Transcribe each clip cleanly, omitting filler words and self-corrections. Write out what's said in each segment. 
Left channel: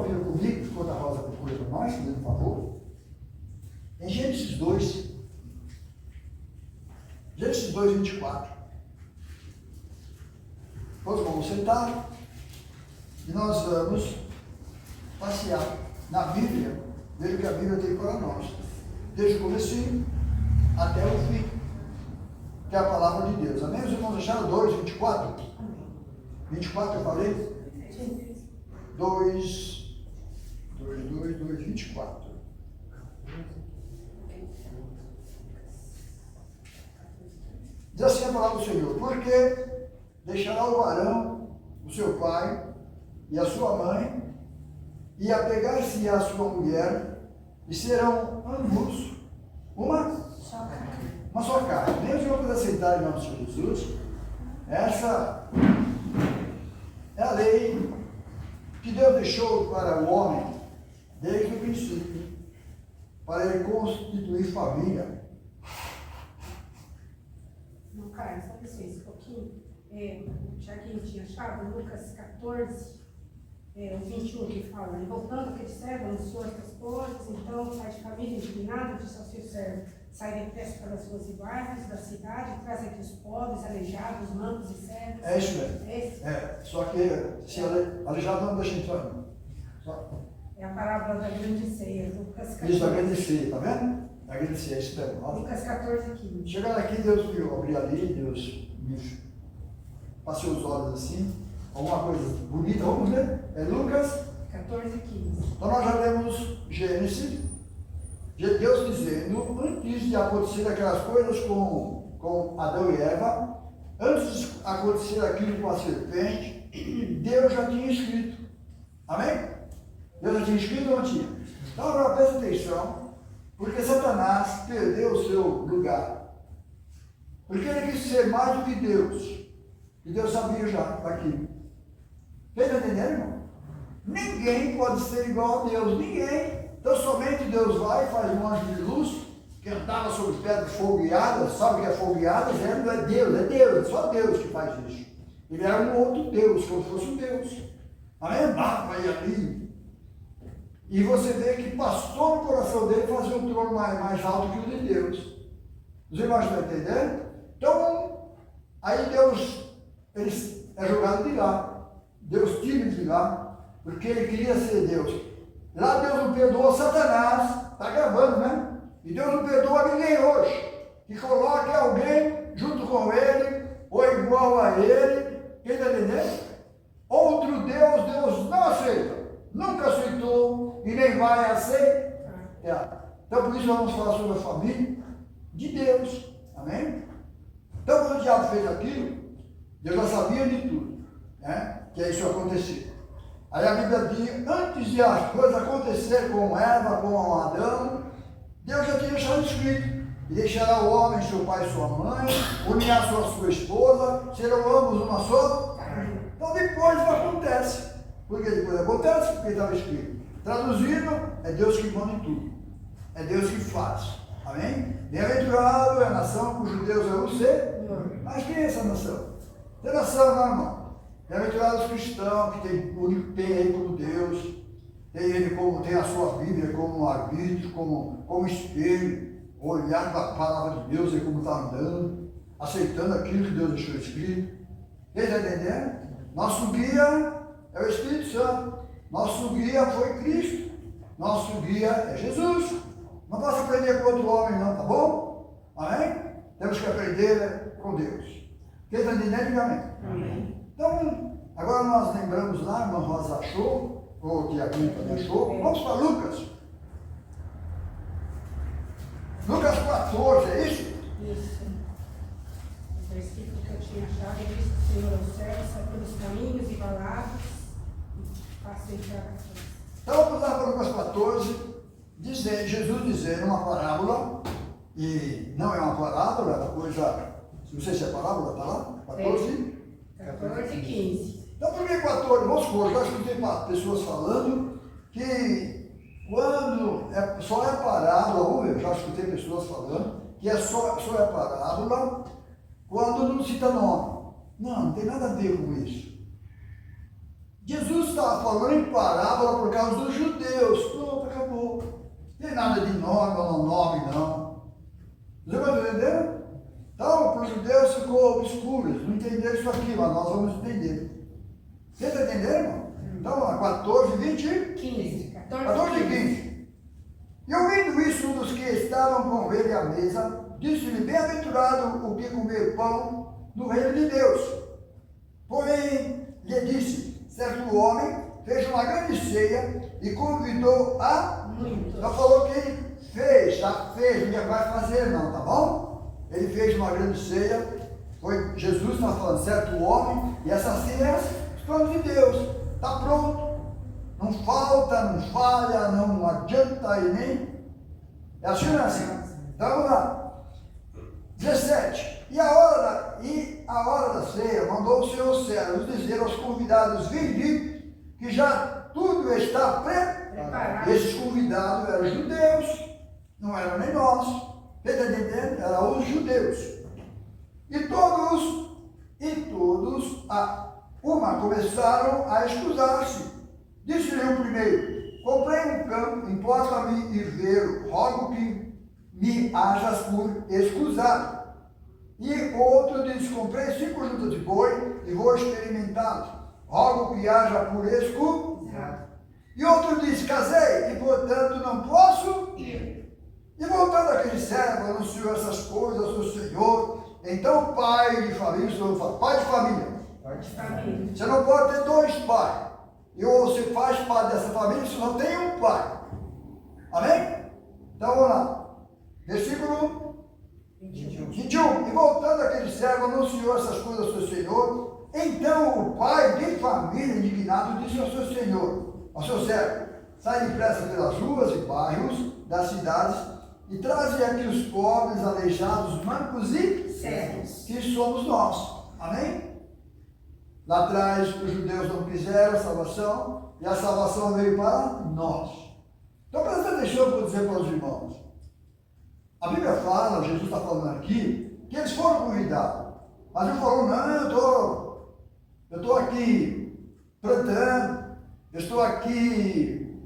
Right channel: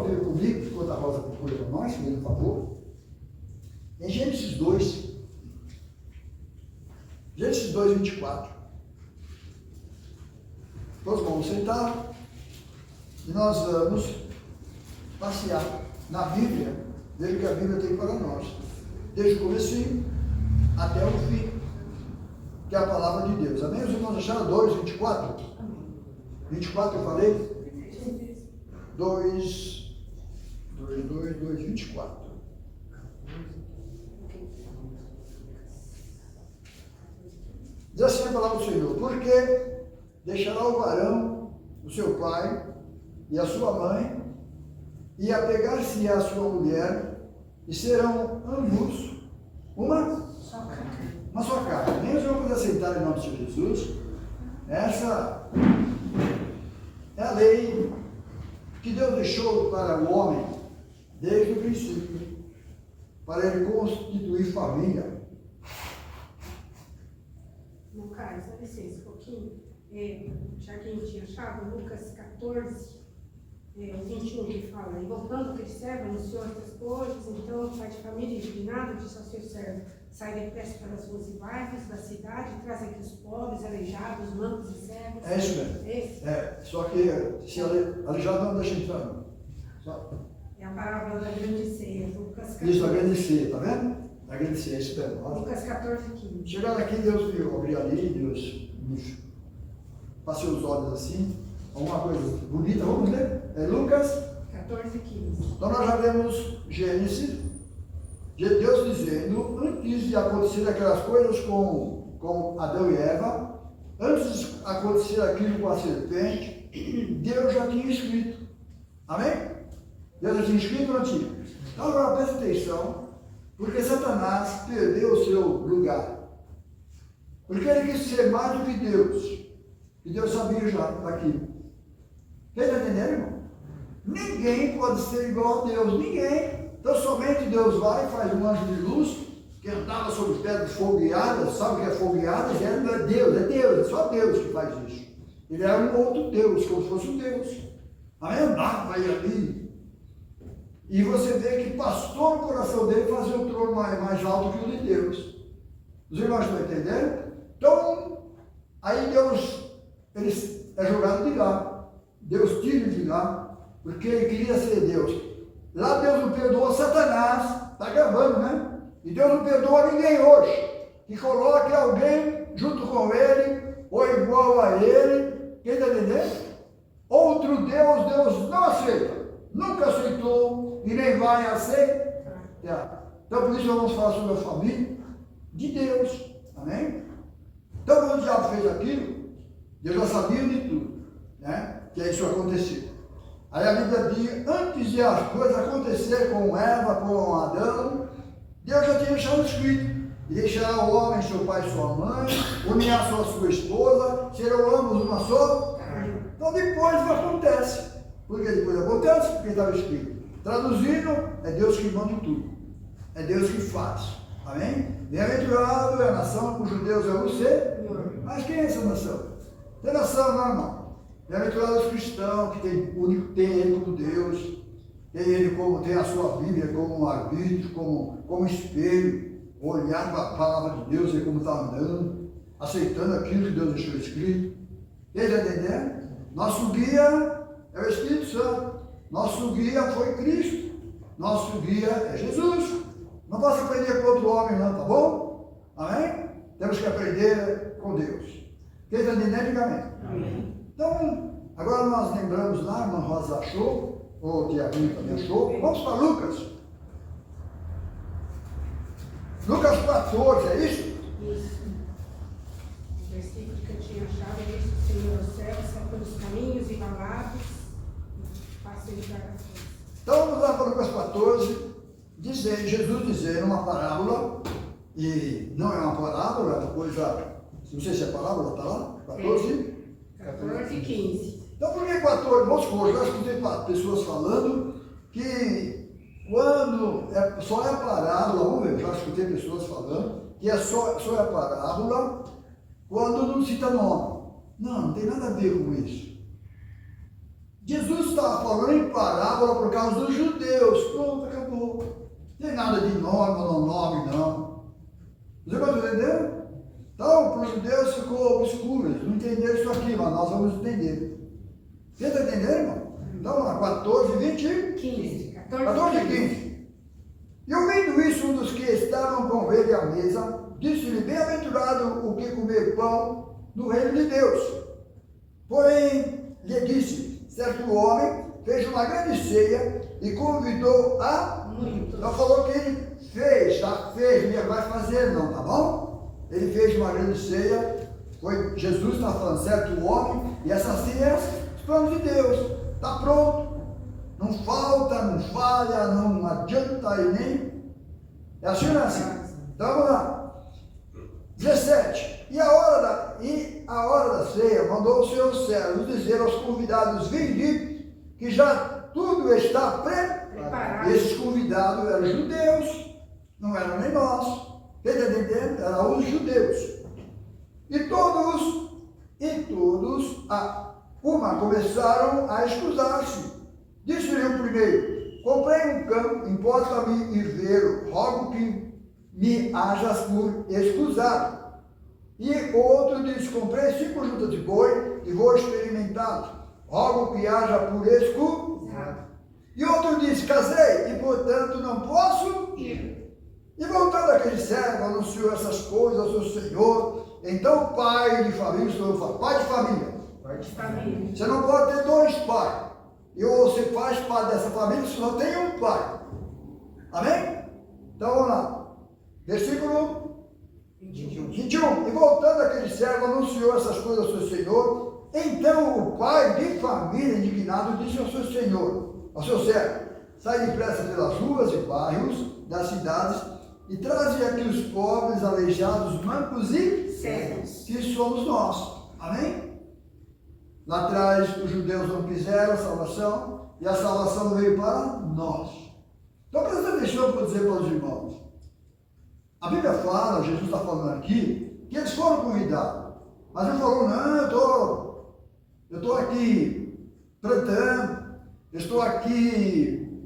sua Bíblia comigo, enquanto a Rosa procura para nós, por favor. Em Gênesis 2. Gênesis 2, 24. Todos vamos sentar e nós vamos passear na Bíblia, desde o que a Bíblia tem para nós, desde o comecinho até o fim, que é a palavra de Deus. Amém? Os irmãos acharam 2, 24? 24 eu falei? 2, 24. Diz assim a palavra do Senhor: porque deixará o varão, o seu pai e a sua mãe, e apegar-se à sua mulher, e serão ambos uma só carne. Nem os irmãos aceitarem em nome de Jesus. Essa é a lei que Deus deixou para o homem desde o princípio, para ele constituir família. Não, Carlos, dá licença um pouquinho. Já que a gente tinha achado, Lucas 14, o 21, que fala: e voltando aquele servo, anunciou estas coisas, então o pai de família, indignado, disse ao seu servo: sai depressa pelas ruas e bairros da cidade, traz aqui os pobres, aleijados, mancos e cegos. É isso mesmo. Só que se aleijado não deixa entrar, não. É a parábola da grande ceia, Lucas 14. Isso, da grande ceia, tá vendo? Da grande ceia, é isso mesmo. Lucas 14, 15. Chegaram aqui, Deus me abriu ali, Deus me passou os olhos assim, alguma coisa bonita, vamos ver? É Lucas 14, 15. Então nós já vemos Gênesis, Deus dizendo, antes de acontecer aquelas coisas com Adão e Eva, antes de acontecer aquilo com a serpente, Deus já tinha escrito. Amém? Deus já tinha escrito ou não tinha? Então agora presta atenção, porque Satanás perdeu o seu lugar. Porque ele quis ser mais do que Deus. E Deus sabia já daquilo. Quem está entendendo, irmão? Ninguém pode ser igual a Deus. Ninguém. Então somente Deus vai e faz um anjo de luz que andava sobre pedras fogueadas. Sabe o que é fogueadas? Ele não é Deus, é só Deus que faz isso. Ele era um outro Deus, como se fosse um Deus. Amém? Andava aí ali. E você vê que passou no coração dele fazer um trono mais alto que o de Deus. Os irmãos estão entendendo? Então, aí Deus, ele é jogado de lá. Deus tira ele de lá, porque ele queria ser Deus. Lá Deus não perdoou Satanás, está gravando, né? E Deus não perdoa ninguém hoje, que coloque alguém junto com ele, ou igual a ele, quem está entendendo? Outro Deus, Deus não aceita, nunca aceitou e nem vai aceitar. Então por isso vamos falar sobre a família de Deus, amém? Então quando o diabo fez aquilo, Deus já sabia de tudo, né? Que isso ia acontecer. Aí a Bíblia diz, antes de as coisas acontecerem com Eva, com Adão, Deus já tinha deixado escrito: e deixará o homem seu pai e sua mãe, unirá sua esposa, serão ambos uma só. Então depois não acontece. Por que depois acontece? Porque estava escrito. Traduzindo, é Deus que manda em tudo. É Deus que faz. Amém? Bem-aventurado é a nação cujo Deus é o Senhor. Mas quem é essa nação? Tem nação, não, irmão? Bem-aventurados os cristãos que tem ele como Deus, tem ele como, tem a sua Bíblia como um arbítrio, como espelho, olhar para a palavra de Deus e como está andando, aceitando aquilo que Deus deixou escrito. Quem está entendendo? Nosso guia é o Espírito Santo, nosso guia foi Cristo, nosso guia é Jesus. Não posso aprender com outro homem, não, tá bom? Amém? Temos que aprender com Deus. Quem está entendendo, diga amém. Amém. Então, agora nós lembramos lá, a irmã Rosa achou, ou o Tiaguinho também achou. Vamos para Lucas. Lucas 14, é isso? Isso. O versículo que eu tinha achado é isso: o Senhor aos céus, sai pelos caminhos e valados, e faça entrar a coisa. Então vamos lá para Lucas 14, Jesus dizendo uma parábola, e não é uma parábola, é uma coisa, não sei se é parábola, está lá? 14 e 15. Então por que 14? Vamos supor, já escutei pessoas falando que quando só é parábola, vamos ver, já escutei pessoas falando que só é parábola quando não cita nome. Não tem nada a ver com isso. Jesus estava falando em parábola por causa dos judeus. Pronto, acabou. Não tem nada de nome ou não nome, não. Você vai entender? Então, para os judeus ficou obscuro. Eles não entenderam isso aqui, mas nós vamos entender. Você está entendendo, irmão? Então, lá, 14, 20. 15. 14 e 15. E ouvindo isso, um dos que estavam com ele à mesa, disse-lhe: bem-aventurado o que comer pão no reino de Deus. Porém, lhe disse: certo homem fez uma grande ceia e convidou a Muitos. Não falou que ele fez, já fez, não vai fazer não, tá bom? Ele fez uma grande ceia, foi Jesus está falando, certo homem, e essa ceia é os planos de Deus, está pronto, não falta, não falha, não adianta e nem, é assim ou não é assim? Então vamos lá, 17, e a hora da ceia mandou os seus servos dizer aos convidados: vinde, que já tudo está preparado. Esses convidados eram judeus, não eram nem nós. Está entendendo? Eram os judeus. E todos começaram a escusar-se. Disse-lhe o primeiro: comprei um campo, importa-me ir ver, rogo que me hajas por escusado. E o outro disse: comprei 5 juntas de boi e vou experimentá-los, rogo que haja por escusado. E outro disse: casei e portanto não posso ir. E voltando aquele servo, anunciou essas coisas ao seu senhor. Então o pai de família, pai de família, você não pode ter 2 pais. E ou você faz parte dessa família, você só tem um pai. Amém? Então vamos lá. Versículo 21. E voltando aquele servo, anunciou essas coisas ao seu senhor. Então o pai de família, indignado, disse ao seu senhor, ao seu servo: sai depressa pelas ruas e bairros das cidades e traze aqui os pobres, aleijados, mancos e cegos, que somos nós. Amém? Lá atrás os judeus não quiseram a salvação e a salvação veio para nós. Então presta atenção para eu dizer para os irmãos. A Bíblia fala, Jesus está falando aqui, que eles foram convidados. Mas não falou: não, eu estou aqui plantando, eu estou aqui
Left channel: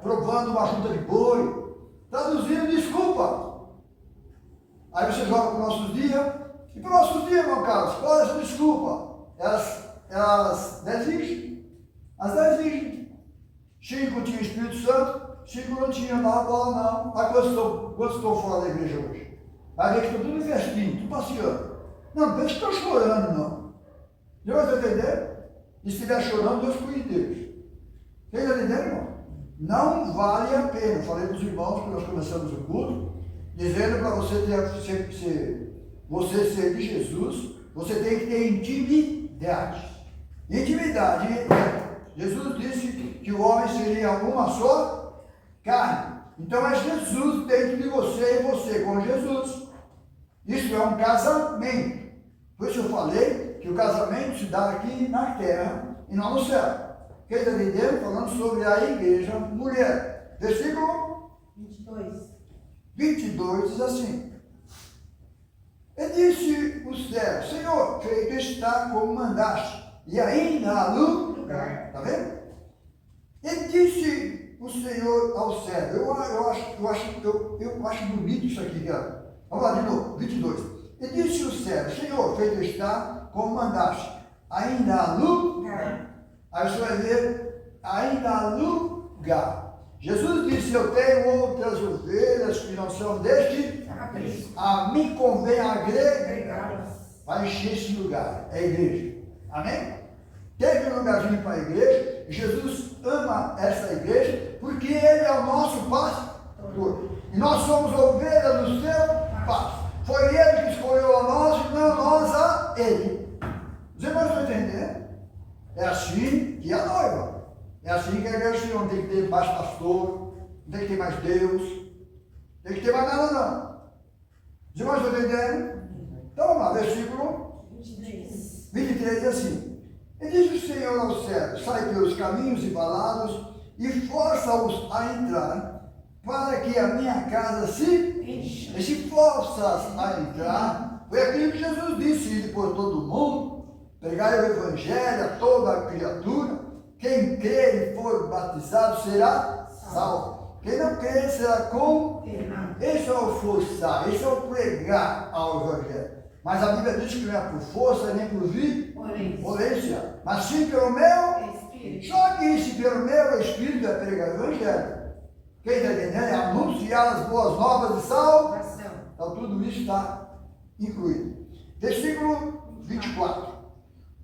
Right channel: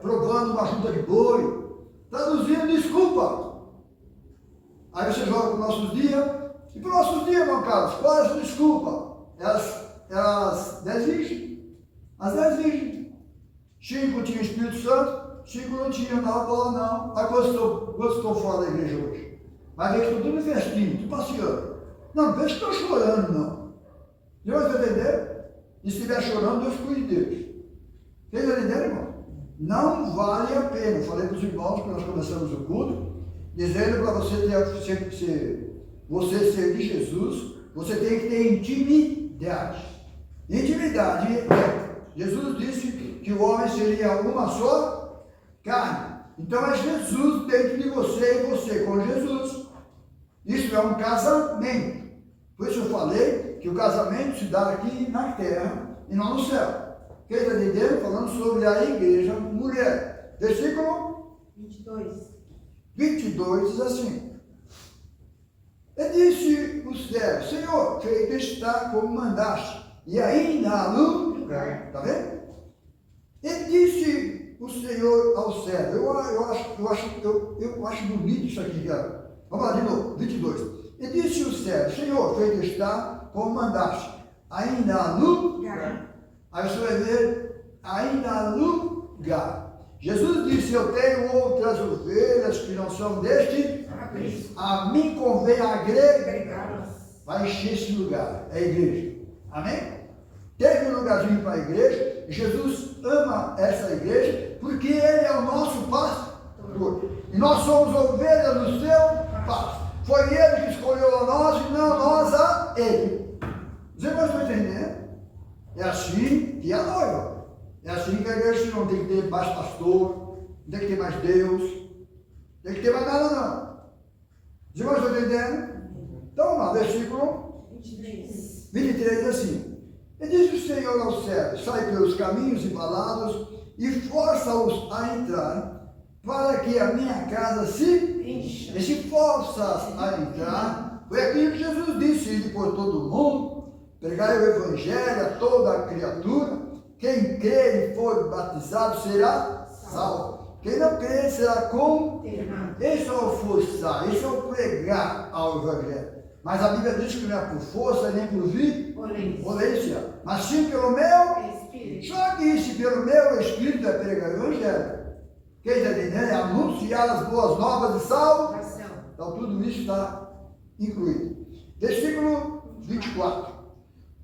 provando uma junta de boi. Traduzindo, desculpa. Aí você joga para os nossos dias. E para os nossos dias, irmão Carlos, qual é essa desculpa? É as 10 virgens. As 10 virgens. 5 tinham Espírito Santo, 5 não tinham, não, bola não. Aí quantos estão fora da igreja hoje? Vai ver que estão tudo em festinho, tudo passeando. Não pense que estão chorando, não. Deu para entender? E se estiver chorando, Deus cuide deles. Vocês entenderam, irmão? Não vale a pena. Eu falei para os irmãos que nós começamos o culto, dizendo para você ser de Jesus, você tem que ter intimidade. Intimidade. Jesus disse que o homem seria uma só carne. Então é Jesus dentro de você e você com Jesus. Isso é um casamento. Por isso eu falei que o casamento se dá aqui na terra e não no céu. Quem está entendendo? Falando sobre a igreja mulher. Versículo 22 diz assim: e disse o servo: Senhor, feito está como mandaste, e ainda há lugar. Está vendo? E disse o Senhor ao servo: eu acho bonito isso aqui, cara. Vamos lá de novo, 22. E disse o servo: Senhor, feito está como mandaste, ainda há lugar. Aí você vai ver, ainda há lugar. Jesus disse: eu tenho outras ovelhas que não são deste, a mim convém agregá-las. Vai encher esse lugar, é a igreja. Amém? Teve um lugarzinho para a igreja. Jesus ama essa igreja porque Ele é o nosso pastor. E nós somos ovelhas do seu pasto. Foi Ele que escolheu a nós e não nós a Ele. Os irmãos estão entendendo? É assim que a noiva. É assim que a igreja não tem que ter mais pastor, não tem que ter mais Deus, não tem que ter mais nada não. Os irmãos estão entendendo? Então vamos lá, versículo 23 diz assim: e diz o Senhor aos servos: sai pelos caminhos e valados e força-os a entrar, para que a minha casa se encha. E se forças a entrar, foi aquilo que Jesus disse: ir por todo mundo, pregai o evangelho a toda a criatura. Quem crer e for batizado será salvo. Quem não crer será condenado. Esse é o forçar, esse é o pregar ao Evangelho. Mas a Bíblia diz que não é por força nem por violência, mas sim pelo meu Espírito. Só que se pelo meu Espírito é pregar o Evangelho. Quem está entendendo? É anunciar as boas novas de salvação. Então tudo isso está incluído. Versículo 24.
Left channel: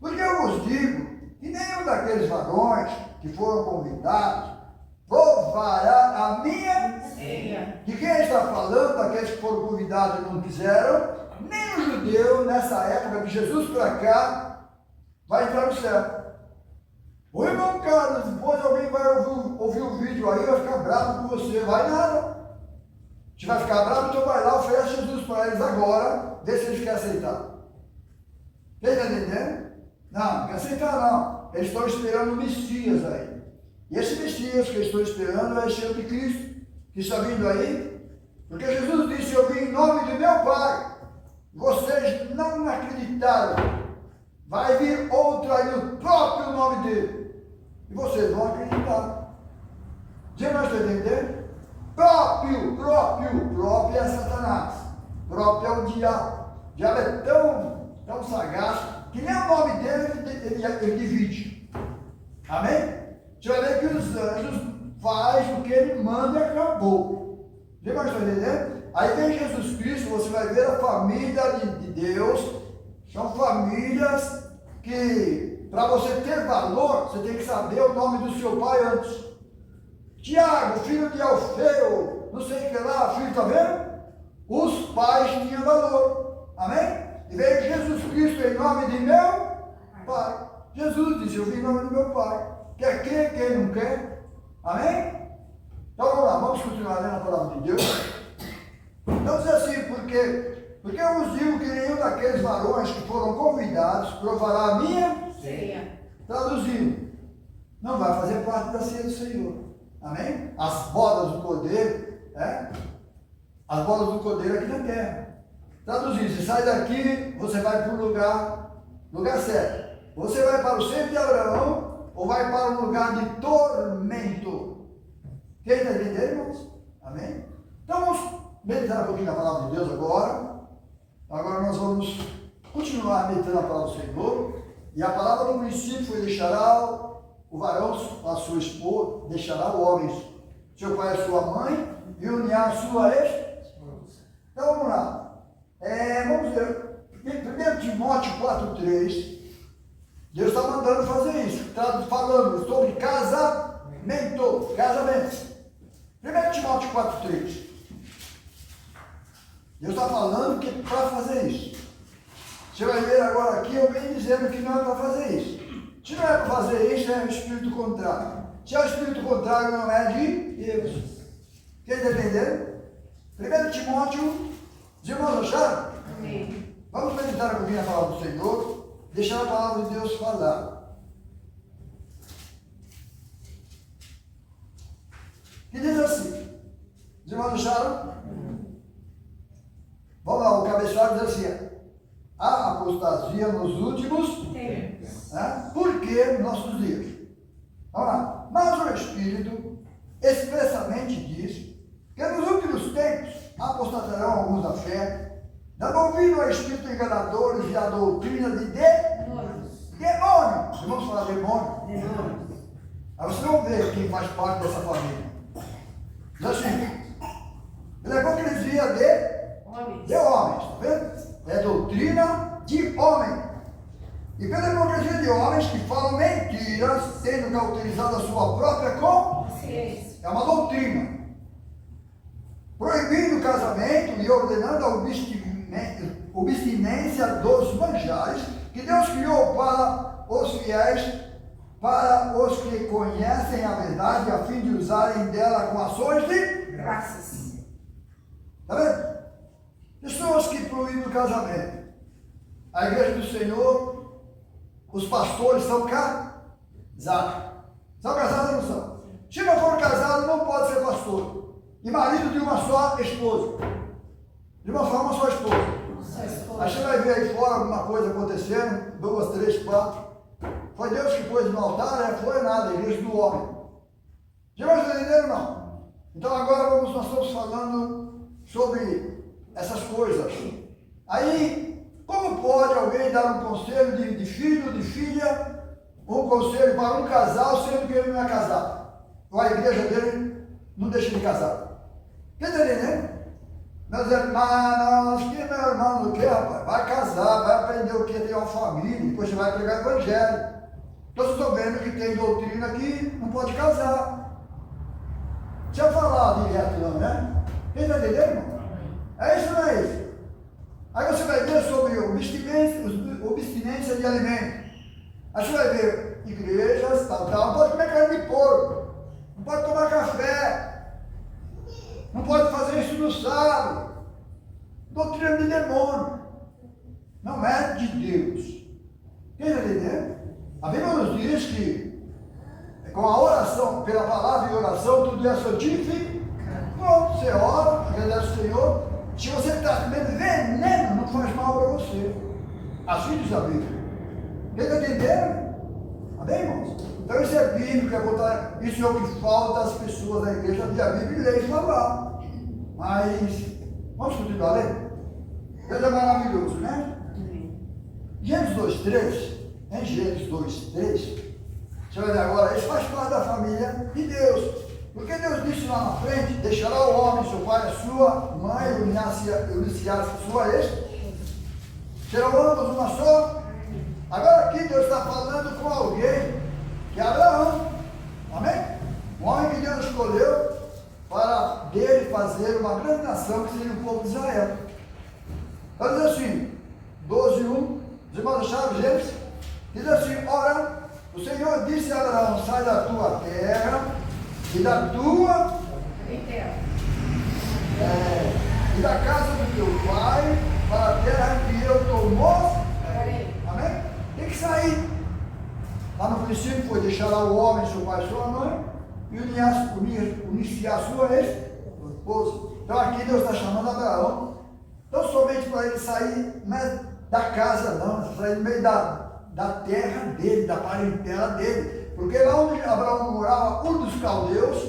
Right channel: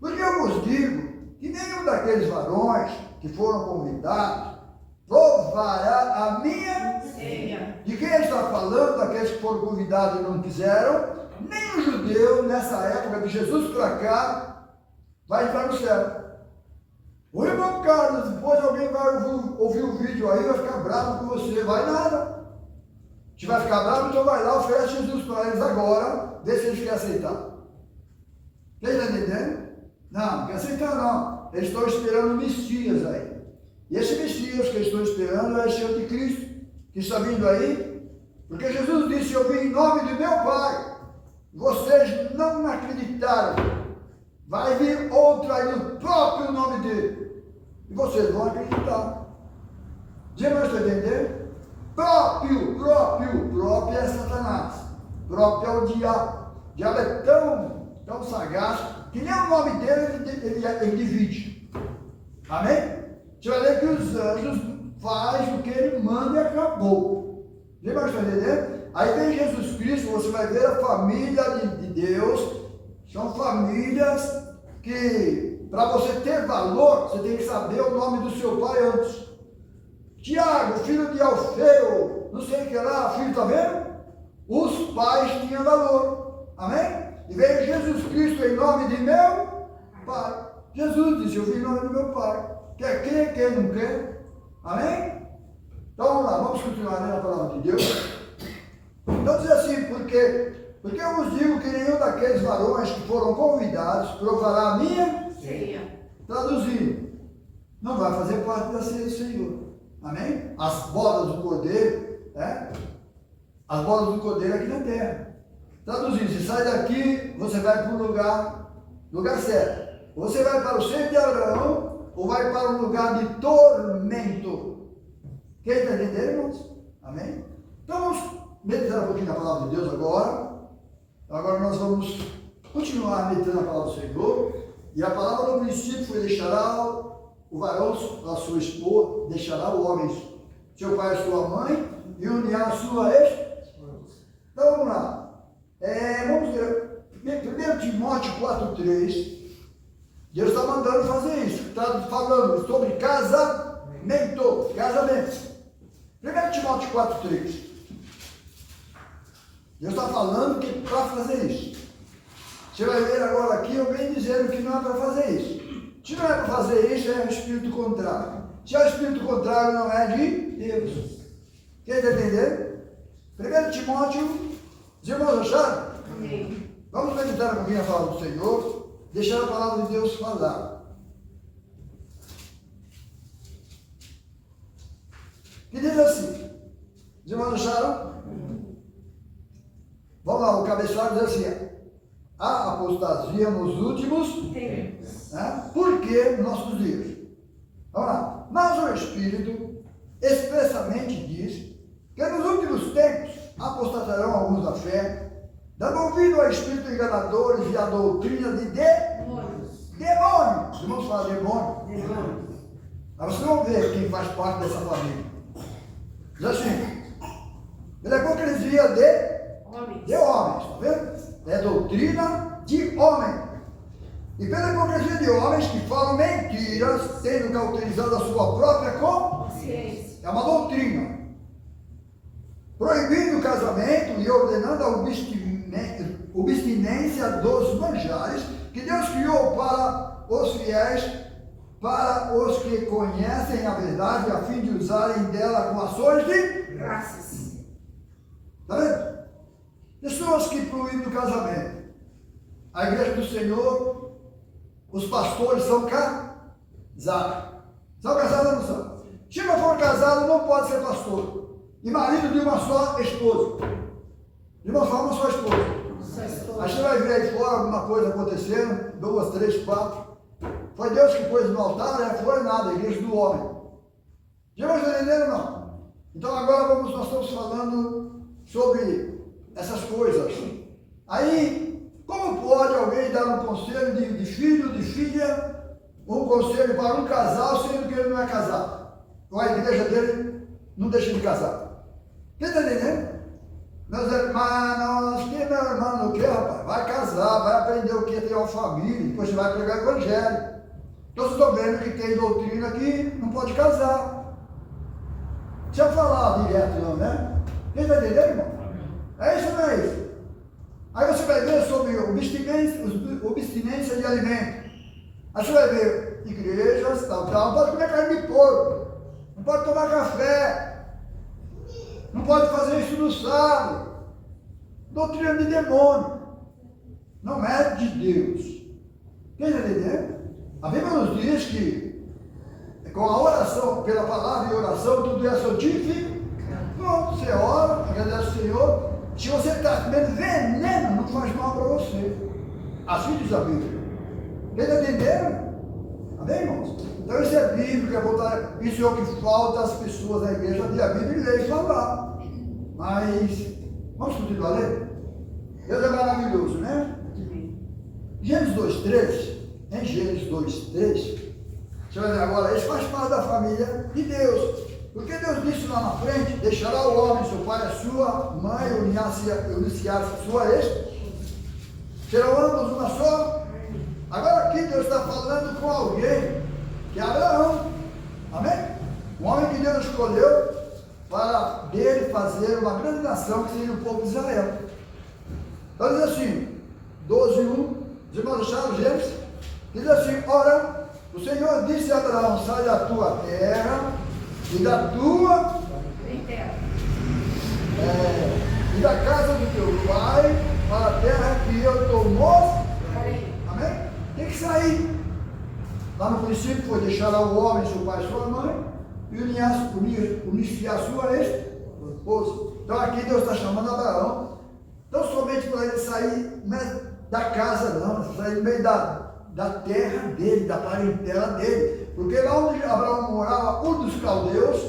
Porque eu vos digo que nenhum daqueles varões que foram convidados provará a minha ceia. De quem está falando? Daqueles que foram convidados e não quiseram. Nem o judeu, nessa época de Jesus para cá, vai entrar no céu. O irmão Carlos, depois alguém vai ouvir o vídeo aí, vai ficar bravo com você. Vai nada. Se vai ficar bravo, então vai lá, oferece Jesus para eles agora, vê se eles querem aceitar. Quem está entendendo? Não quer aceitar não. Eles estão esperando o Messias aí. E esse Messias que eles estão esperando é esse anticristo que está vindo aí. Porque Jesus disse, eu vim em nome de meu Pai. Vocês não acreditaram. Vai vir outro aí no próprio nome dele. E vocês vão acreditar. Você não está entendendo? Próprio é Satanás. Próprio é o diabo. O diabo é tão sagaz que nem o nome dele ele divide. Amém? Você vai ver que os anjos fazem o que ele manda e acabou. Você vai estar entendendo? Aí vem Jesus Cristo, você vai ver a família de Deus. São famílias que, para você ter valor, você tem que saber o nome do seu pai antes. Tiago, filho de Alfeu, não sei o que lá, filho, está vendo? Os pais tinham valor. Amém? E veio Jesus Cristo em nome de meu Pai. Jesus disse, eu vim em nome do meu Pai. Quer crer, quem não quer? Amém? Então vamos lá, vamos continuar lendo a palavra de Deus. Então diz assim, porque eu vos digo que nenhum daqueles varões que foram convidados provará a minha ceia. Traduzindo, não vai fazer parte da ceia do Senhor. Amém? As bodas do Cordeiro, as bodas do Cordeiro aqui na terra. Traduzindo, se sai daqui, você vai para o lugar certo. Você vai para o centro de Abraão ou vai para um lugar de tormento. Quem está entendendo, irmãos? Amém? Então vamos meditar um pouquinho na palavra de Deus agora. Agora nós vamos continuar meditando a palavra do Senhor. E a palavra no princípio foi: deixará o varão a sua esposa, deixará o homem seu pai e sua mãe, e unirá a sua esposa. Então vamos lá. Vamos ver. 1 Timóteo 4,3. Deus está mandando fazer isso. Está falando sobre casamento. 1 Timóteo 4,3. Deus está falando que para fazer isso. Você vai ver agora aqui, eu venho dizendo que não é para fazer isso. Se não é para fazer isso, é o espírito contrário. Se é o espírito contrário, não é de Deus. Quem está entendendo? 1 Timóteo, os irmãos acharam? Amém. Vamos meditar um pouquinho na palavra do Senhor, deixar a palavra de Deus falar. Que diz assim, os irmãos acharam? Vamos lá, o cabeçalho diz assim: a apostasia nos últimos tempos. Por que nos nossos dias? Vamos lá. Mas o Espírito expressamente diz que nos últimos tempos apostatarão alguns da fé, dando ouvido a espíritos enganadores e a doutrina de demônios. Vamos falar demônio? Aí vocês vão ver quem faz parte dessa família. Diz assim: ele é hipocrisia de homens, tá vendo? É doutrina de homem. E pela hipocrisia de homens que falam mentiras, tendo cauterizado a sua própria consciência. É uma doutrina. Proibindo o casamento e ordenando a obstinência dos manjares que Deus criou para os fiéis, para os que conhecem a verdade, a fim de usarem dela com ações de graças. Está vendo? Pessoas que proíbem o casamento. A igreja do Senhor, os pastores são casados. São casados ou não são? Se não for casado, não pode ser pastor. E marido de uma só esposa. De uma só esposa. Aí você vai ver aí fora alguma coisa acontecendo, 2, 3, 4. Foi Deus que pôs no altar, foi nada, a igreja do homem. Já vai entender, irmão? Então agora nós estamos falando sobre essas coisas. Aí, como pode alguém dar um conselho de filho, de filha, um conselho para um casal, sendo que ele não é casado? Ou a igreja dele não deixa de casar? Quem está entendendo? Meus irmãos, que meu irmão não quer, rapaz? Vai casar, vai aprender o que é ter uma família, depois você vai pregar o evangelho. Então vocês estão vendo que tem doutrina que não pode casar. Deixa eu falar direto não, né? Quem está entendendo, irmão? É isso ou não é isso? Aí você vai ver sobre obstinência de alimento. Aí você vai ver igrejas, tal, não pode comer carne de porco, não pode tomar café, não pode fazer isso no sábado. Doutrina de demônio. Não é de Deus. Quem está entendendo? A Bíblia nos diz que com a oração, pela palavra e oração, tudo é santificado. Bom, você ora, agradece o Senhor. Se você está comendo veneno, não faz mal para você. Assim diz a Bíblia. Quem está entendendo? Amém, irmãos? Então isso é bíblico, isso é o que falta às pessoas da igreja de a Bíblia e ler e falar. Mas, vamos continuar lendo? Deus é maravilhoso, né? Gênesis 2:3, em Gênesis 2:3, você vai ver agora, isso faz parte da família de Deus. Porque Deus disse lá na frente, deixará o homem, seu pai, a sua mãe, unir-se-á sua ex, serão ambos uma só. Agora aqui Deus está falando com alguém, que é Abraão, amém? Um homem que Deus escolheu para dele fazer uma grande nação, que seria o povo de Israel. Então diz assim, 12:1, os irmãos acharam Gênesis, diz assim, ora, o Senhor disse a Abraão, sai da tua terra, e da tua e da casa do teu pai para a terra que eu te mostrarei. Amém? Tem que sair. Lá no princípio foi deixar o homem, seu pai e sua mãe, e unir-se a sua esposa. Então aqui Deus está chamando Abraão, não somente para ele sair da casa, não, sair do meio da terra dele, da parentela dele. Porque lá onde Abraão morava, Ur dos Caldeus,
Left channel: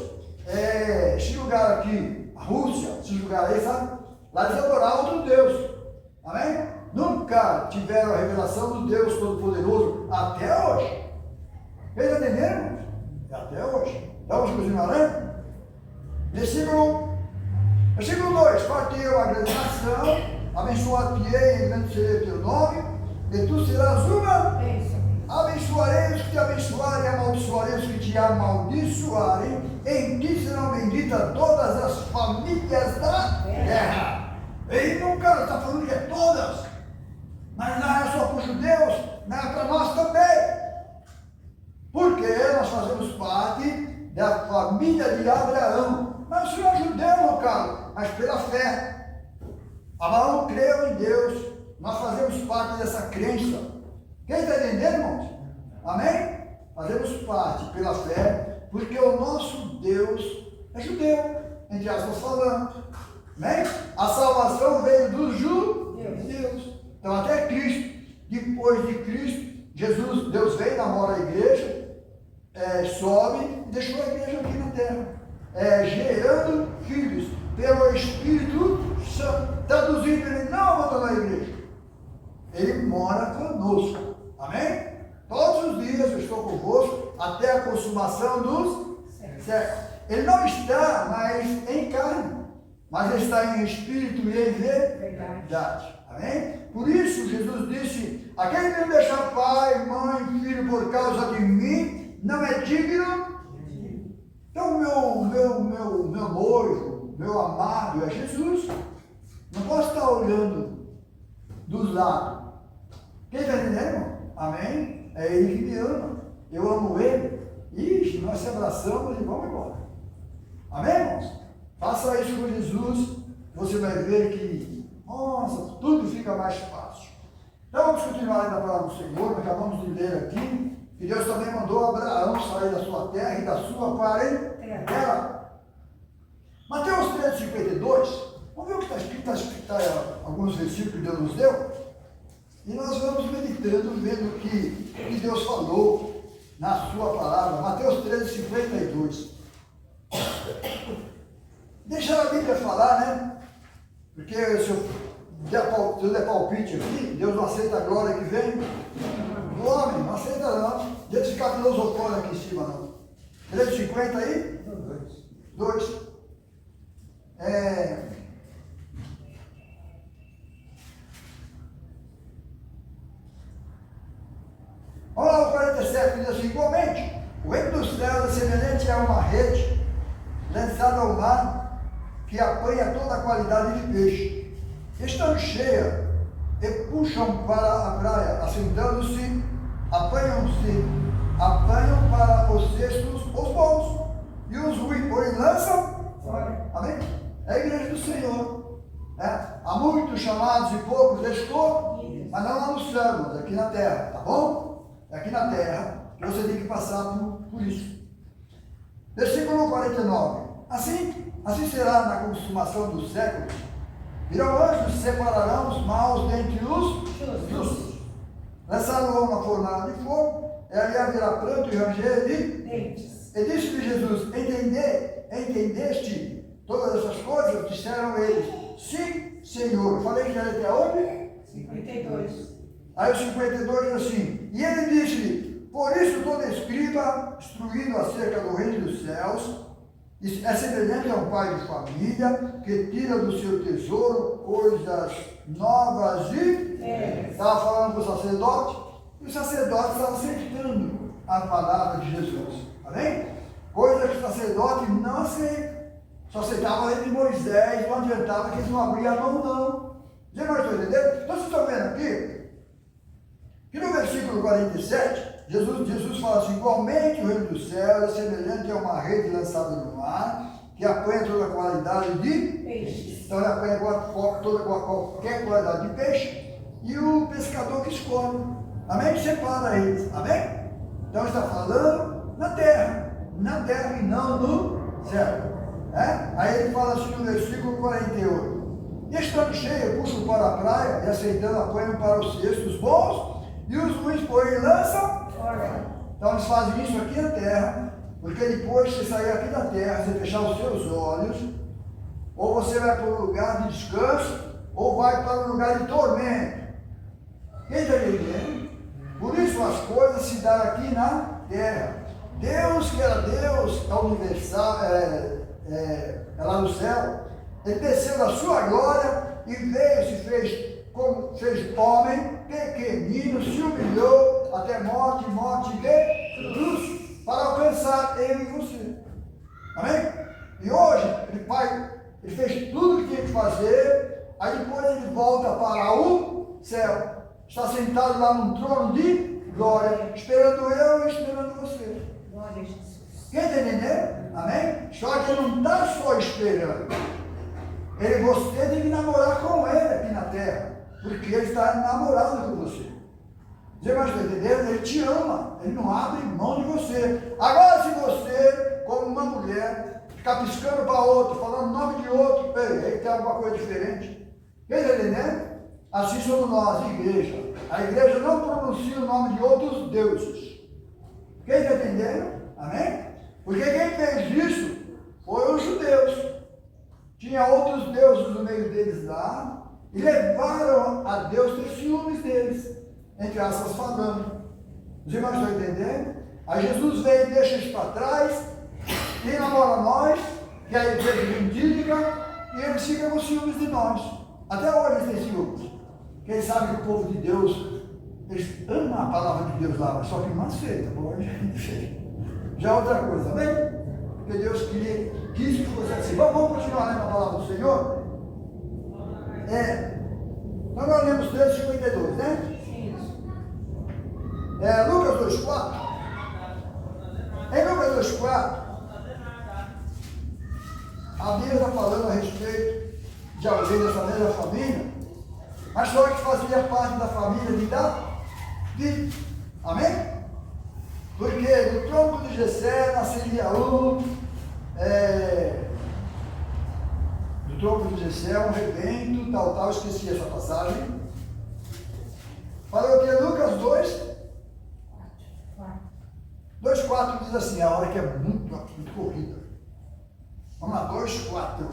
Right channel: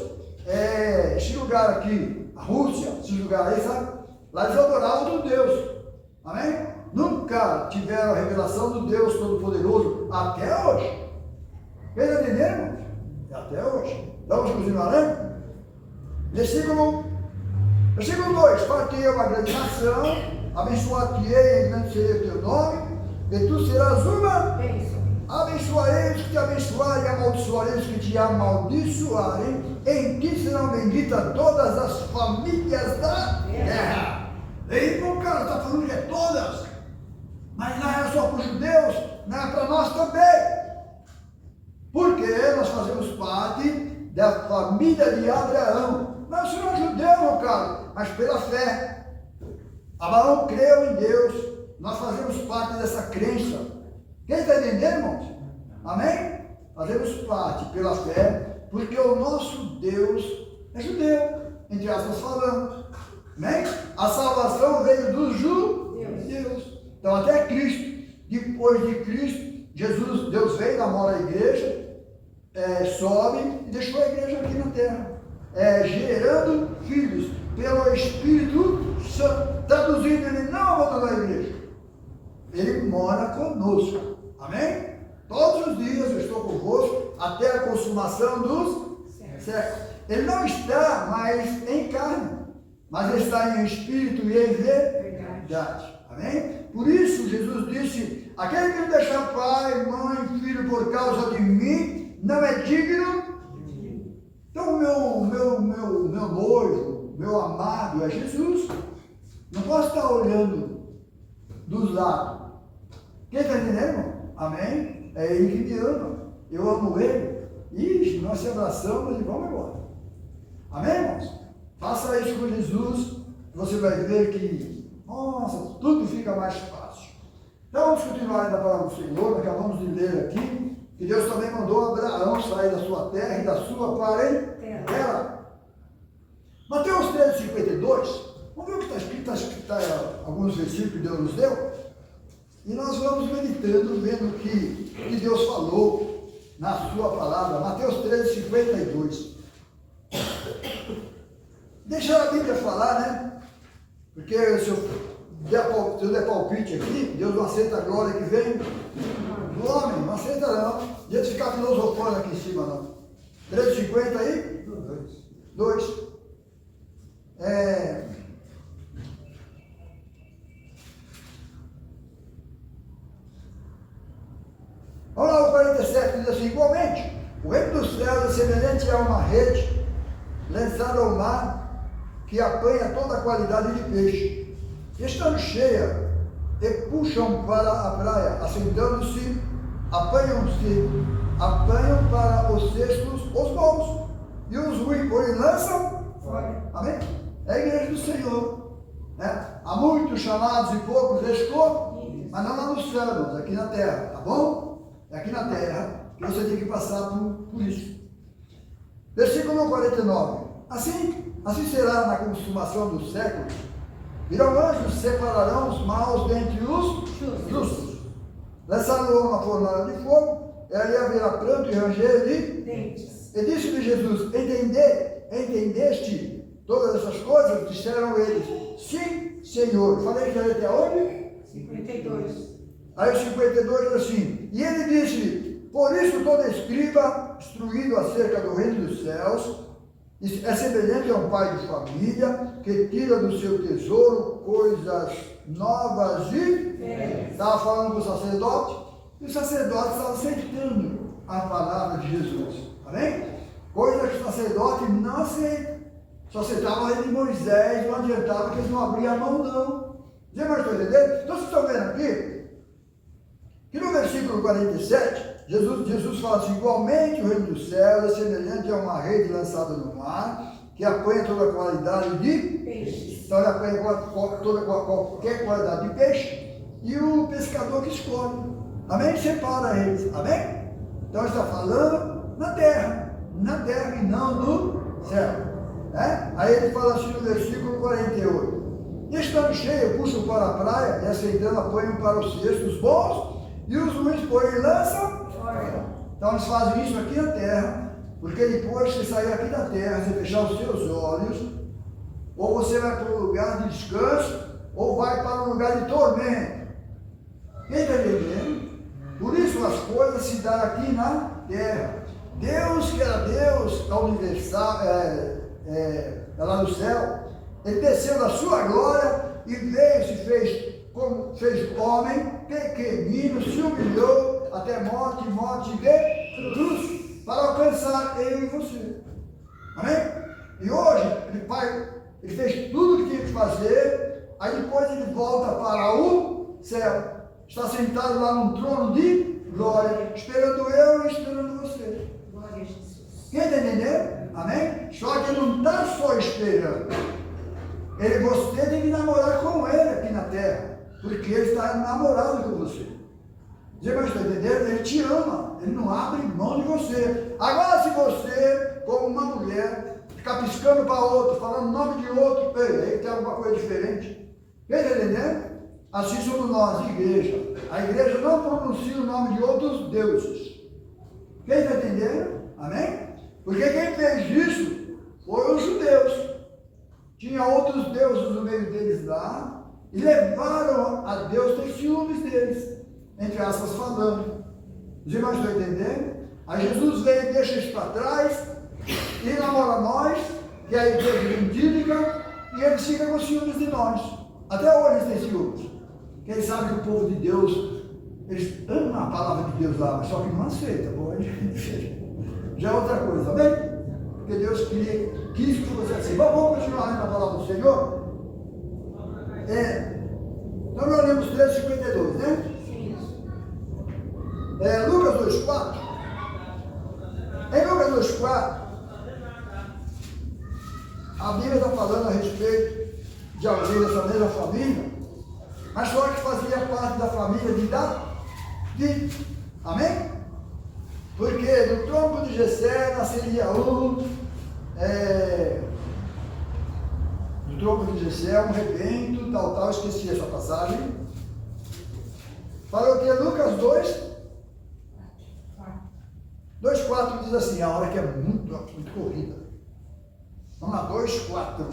esse lugar aqui, a Rússia, esse lugar aí, sabe? Lá eles adoravam outro Deus. Amém? Nunca tiveram a revelação do Deus Todo-Poderoso até hoje. Quem está entendendo? Até hoje. Então vamos continuar, né? Versículo 2: Partiu uma grande nação, abençoar-te-ei, grande será o teu nome, e tu serás uma bênção. Abençoarei os que te abençoarem, e amaldiçoarei os que te amaldiçoarem. Em ti serão benditas todas as famílias da terra. E não, cara, está falando que é todas, mas não é só para os judeus, não é para nós também. Porque nós fazemos parte da família de Abraão. Mas o senhor é judeu, meu caro, mas pela fé. Abraão creu em Deus, nós fazemos parte dessa crença. Quem está entendendo, irmãos? Amém? Fazemos parte pela fé, porque o nosso Deus é judeu, entre aspas falando. Amém? A salvação veio dos judeus. Então até Cristo, depois de Cristo, Jesus, Deus veio, namora a igreja, sobe e deixou a igreja aqui na terra, gerando filhos pelo Espírito Santo. Traduzindo, ele não abandonou a igreja, ele mora conosco. Amém? Todos os dias eu estou convosco até a consumação dos séculos. Ele não está mais em carne, mas ele está em espírito e em verdade. Amém? Por isso Jesus disse, aquele que não deixar pai, mãe, filho por causa de mim, não é digno. Então meu noivo, meu amado é Jesus. Não posso estar olhando dos lados. Quem está entendendo, irmão? Amém? É ele que me ama. Eu amo ele. Ixi, nós se abraçamos e vamos embora. Amém, irmãos? Faça isso com Jesus. Você vai ver que, nossa, tudo fica mais fácil. Então vamos continuar ainda para o Senhor. Acabamos de ler aqui que Deus também mandou Abraão sair da sua terra e da sua parentela. Mateus 13:52. Vamos ver o que está escrito. Está alguns versículos que Deus nos deu. E nós vamos meditando, vendo o que Deus falou na sua palavra, Mateus 13, 52. Deixa a Bíblia falar, né? Porque se eu der palpite aqui, Deus não aceita a glória que vem do homem, não aceita não. Deixa eu ficar filosofando aqui em cima não. 13,50 aí? 2. Vamos lá, o 47 diz assim: igualmente, o reino dos céus é semelhante a uma rede lançada ao mar que apanha toda a qualidade de peixe. Estão cheias e puxam para a praia, assentando-se, apanham para os cestos os bons, e os ruins, porém, lançam fora. Amém? É a igreja do Senhor. Né? Há muitos chamados e poucos escolhidos, mas não lá no céu, irmãos, aqui na terra, tá bom? É aqui na terra que você tem que passar por isso. Versículo 49. Assim será na consumação dos séculos. Virão anjos, separarão os maus dentre os justos. Lançar-lo na fornalha de fogo, e ali haverá pranto e ranger de dentes. E disse-lhe Jesus: entendeste todas essas coisas? Disseram eles: sim, Senhor. Falei que já ia até onde? 52. Aí o 52 diz assim: e ele disse-lhe: por isso todo escriba instruído acerca do reino dos céus é semelhante a um pai de família que tira do seu tesouro coisas novas e estava falando para o sacerdote, e o sacerdote estava aceitando a palavra de Jesus. Amém? Coisas que o sacerdote não aceita. Só aceitava a lei de Moisés, não adiantava que eles não abriam a mão, não. Você vai entender? Então vocês estão vendo aqui que no versículo 47, Jesus fala assim: igualmente o reino dos céus é semelhante a uma rede lançada no mar, que apanha toda a qualidade de peixes. Então ele apanha qualquer qualidade de peixe, e o pescador que escolhe. Amém? Separa eles. Amém? Então está falando na terra e não no céu. Aí ele fala assim no versículo 48: e estando cheio, puxam para a praia, e aceitando apanham para os cestos bons, e os ruins, porém, lançam fora. Então eles fazem isso aqui na terra, porque depois que você sair aqui da terra, você fechar os seus olhos, ou você vai para um lugar de descanso, ou vai para um lugar de tormento. Quem está entendendo? Por isso as coisas se dão aqui na terra. Deus, que era Deus universal, lá no céu, ele desceu da sua glória e veio, se fez homem, pequenino, se humilhou até morte de cruz, para alcançar eu e você. Amém? E hoje ele fez tudo o que tinha que fazer, aí depois ele volta para o céu, está sentado lá num trono de glória, esperando eu e esperando você. Glória a Jesus. Quem está entendendo? Amém? Só que ele não está só esperando. Você tem que namorar com ele aqui na terra, porque ele está namorando com você. Você vai entender? Ele te ama, ele não abre mão de você. Agora, se você, como uma mulher, ficar piscando para outro, falando o nome de outro, ele tem alguma coisa diferente. Quem está entendendo? Assim somos nós, igreja. A igreja não pronuncia o nome de outros deuses. Quem está entendendo? Amém? Porque quem fez isso foi os judeus. Tinha outros deuses no meio deles lá, e levaram a Deus ter ciúmes deles, entre aspas falando. Os irmãos estão entendendo? Aí Jesus vem e deixa isso para trás, e namora nós, que é a igreja indígena, e eles ficam com ciúmes de nós. Até hoje eles têm ciúmes. Porque eles sabem que o povo de Deus, eles amam a palavra de Deus lá, só que não aceita, pode. Já é outra coisa, amém? Porque Deus quis que você assim. Vamos continuar lendo a palavra do Senhor? Então nós lemos 13:52, né? Lucas 2:4. Em Lucas 2:4, a Bíblia está falando a respeito de alguém dessa mesma família, mas só que fazia parte da família de Davi. Amém? Porque do tronco de Jessé nasceria do tronco de Jessé um rebento, tal, esqueci essa passagem. Falou que Lucas 2, 4. 2,4 diz assim, a hora que é muito corrida. Vamos lá, 2,4.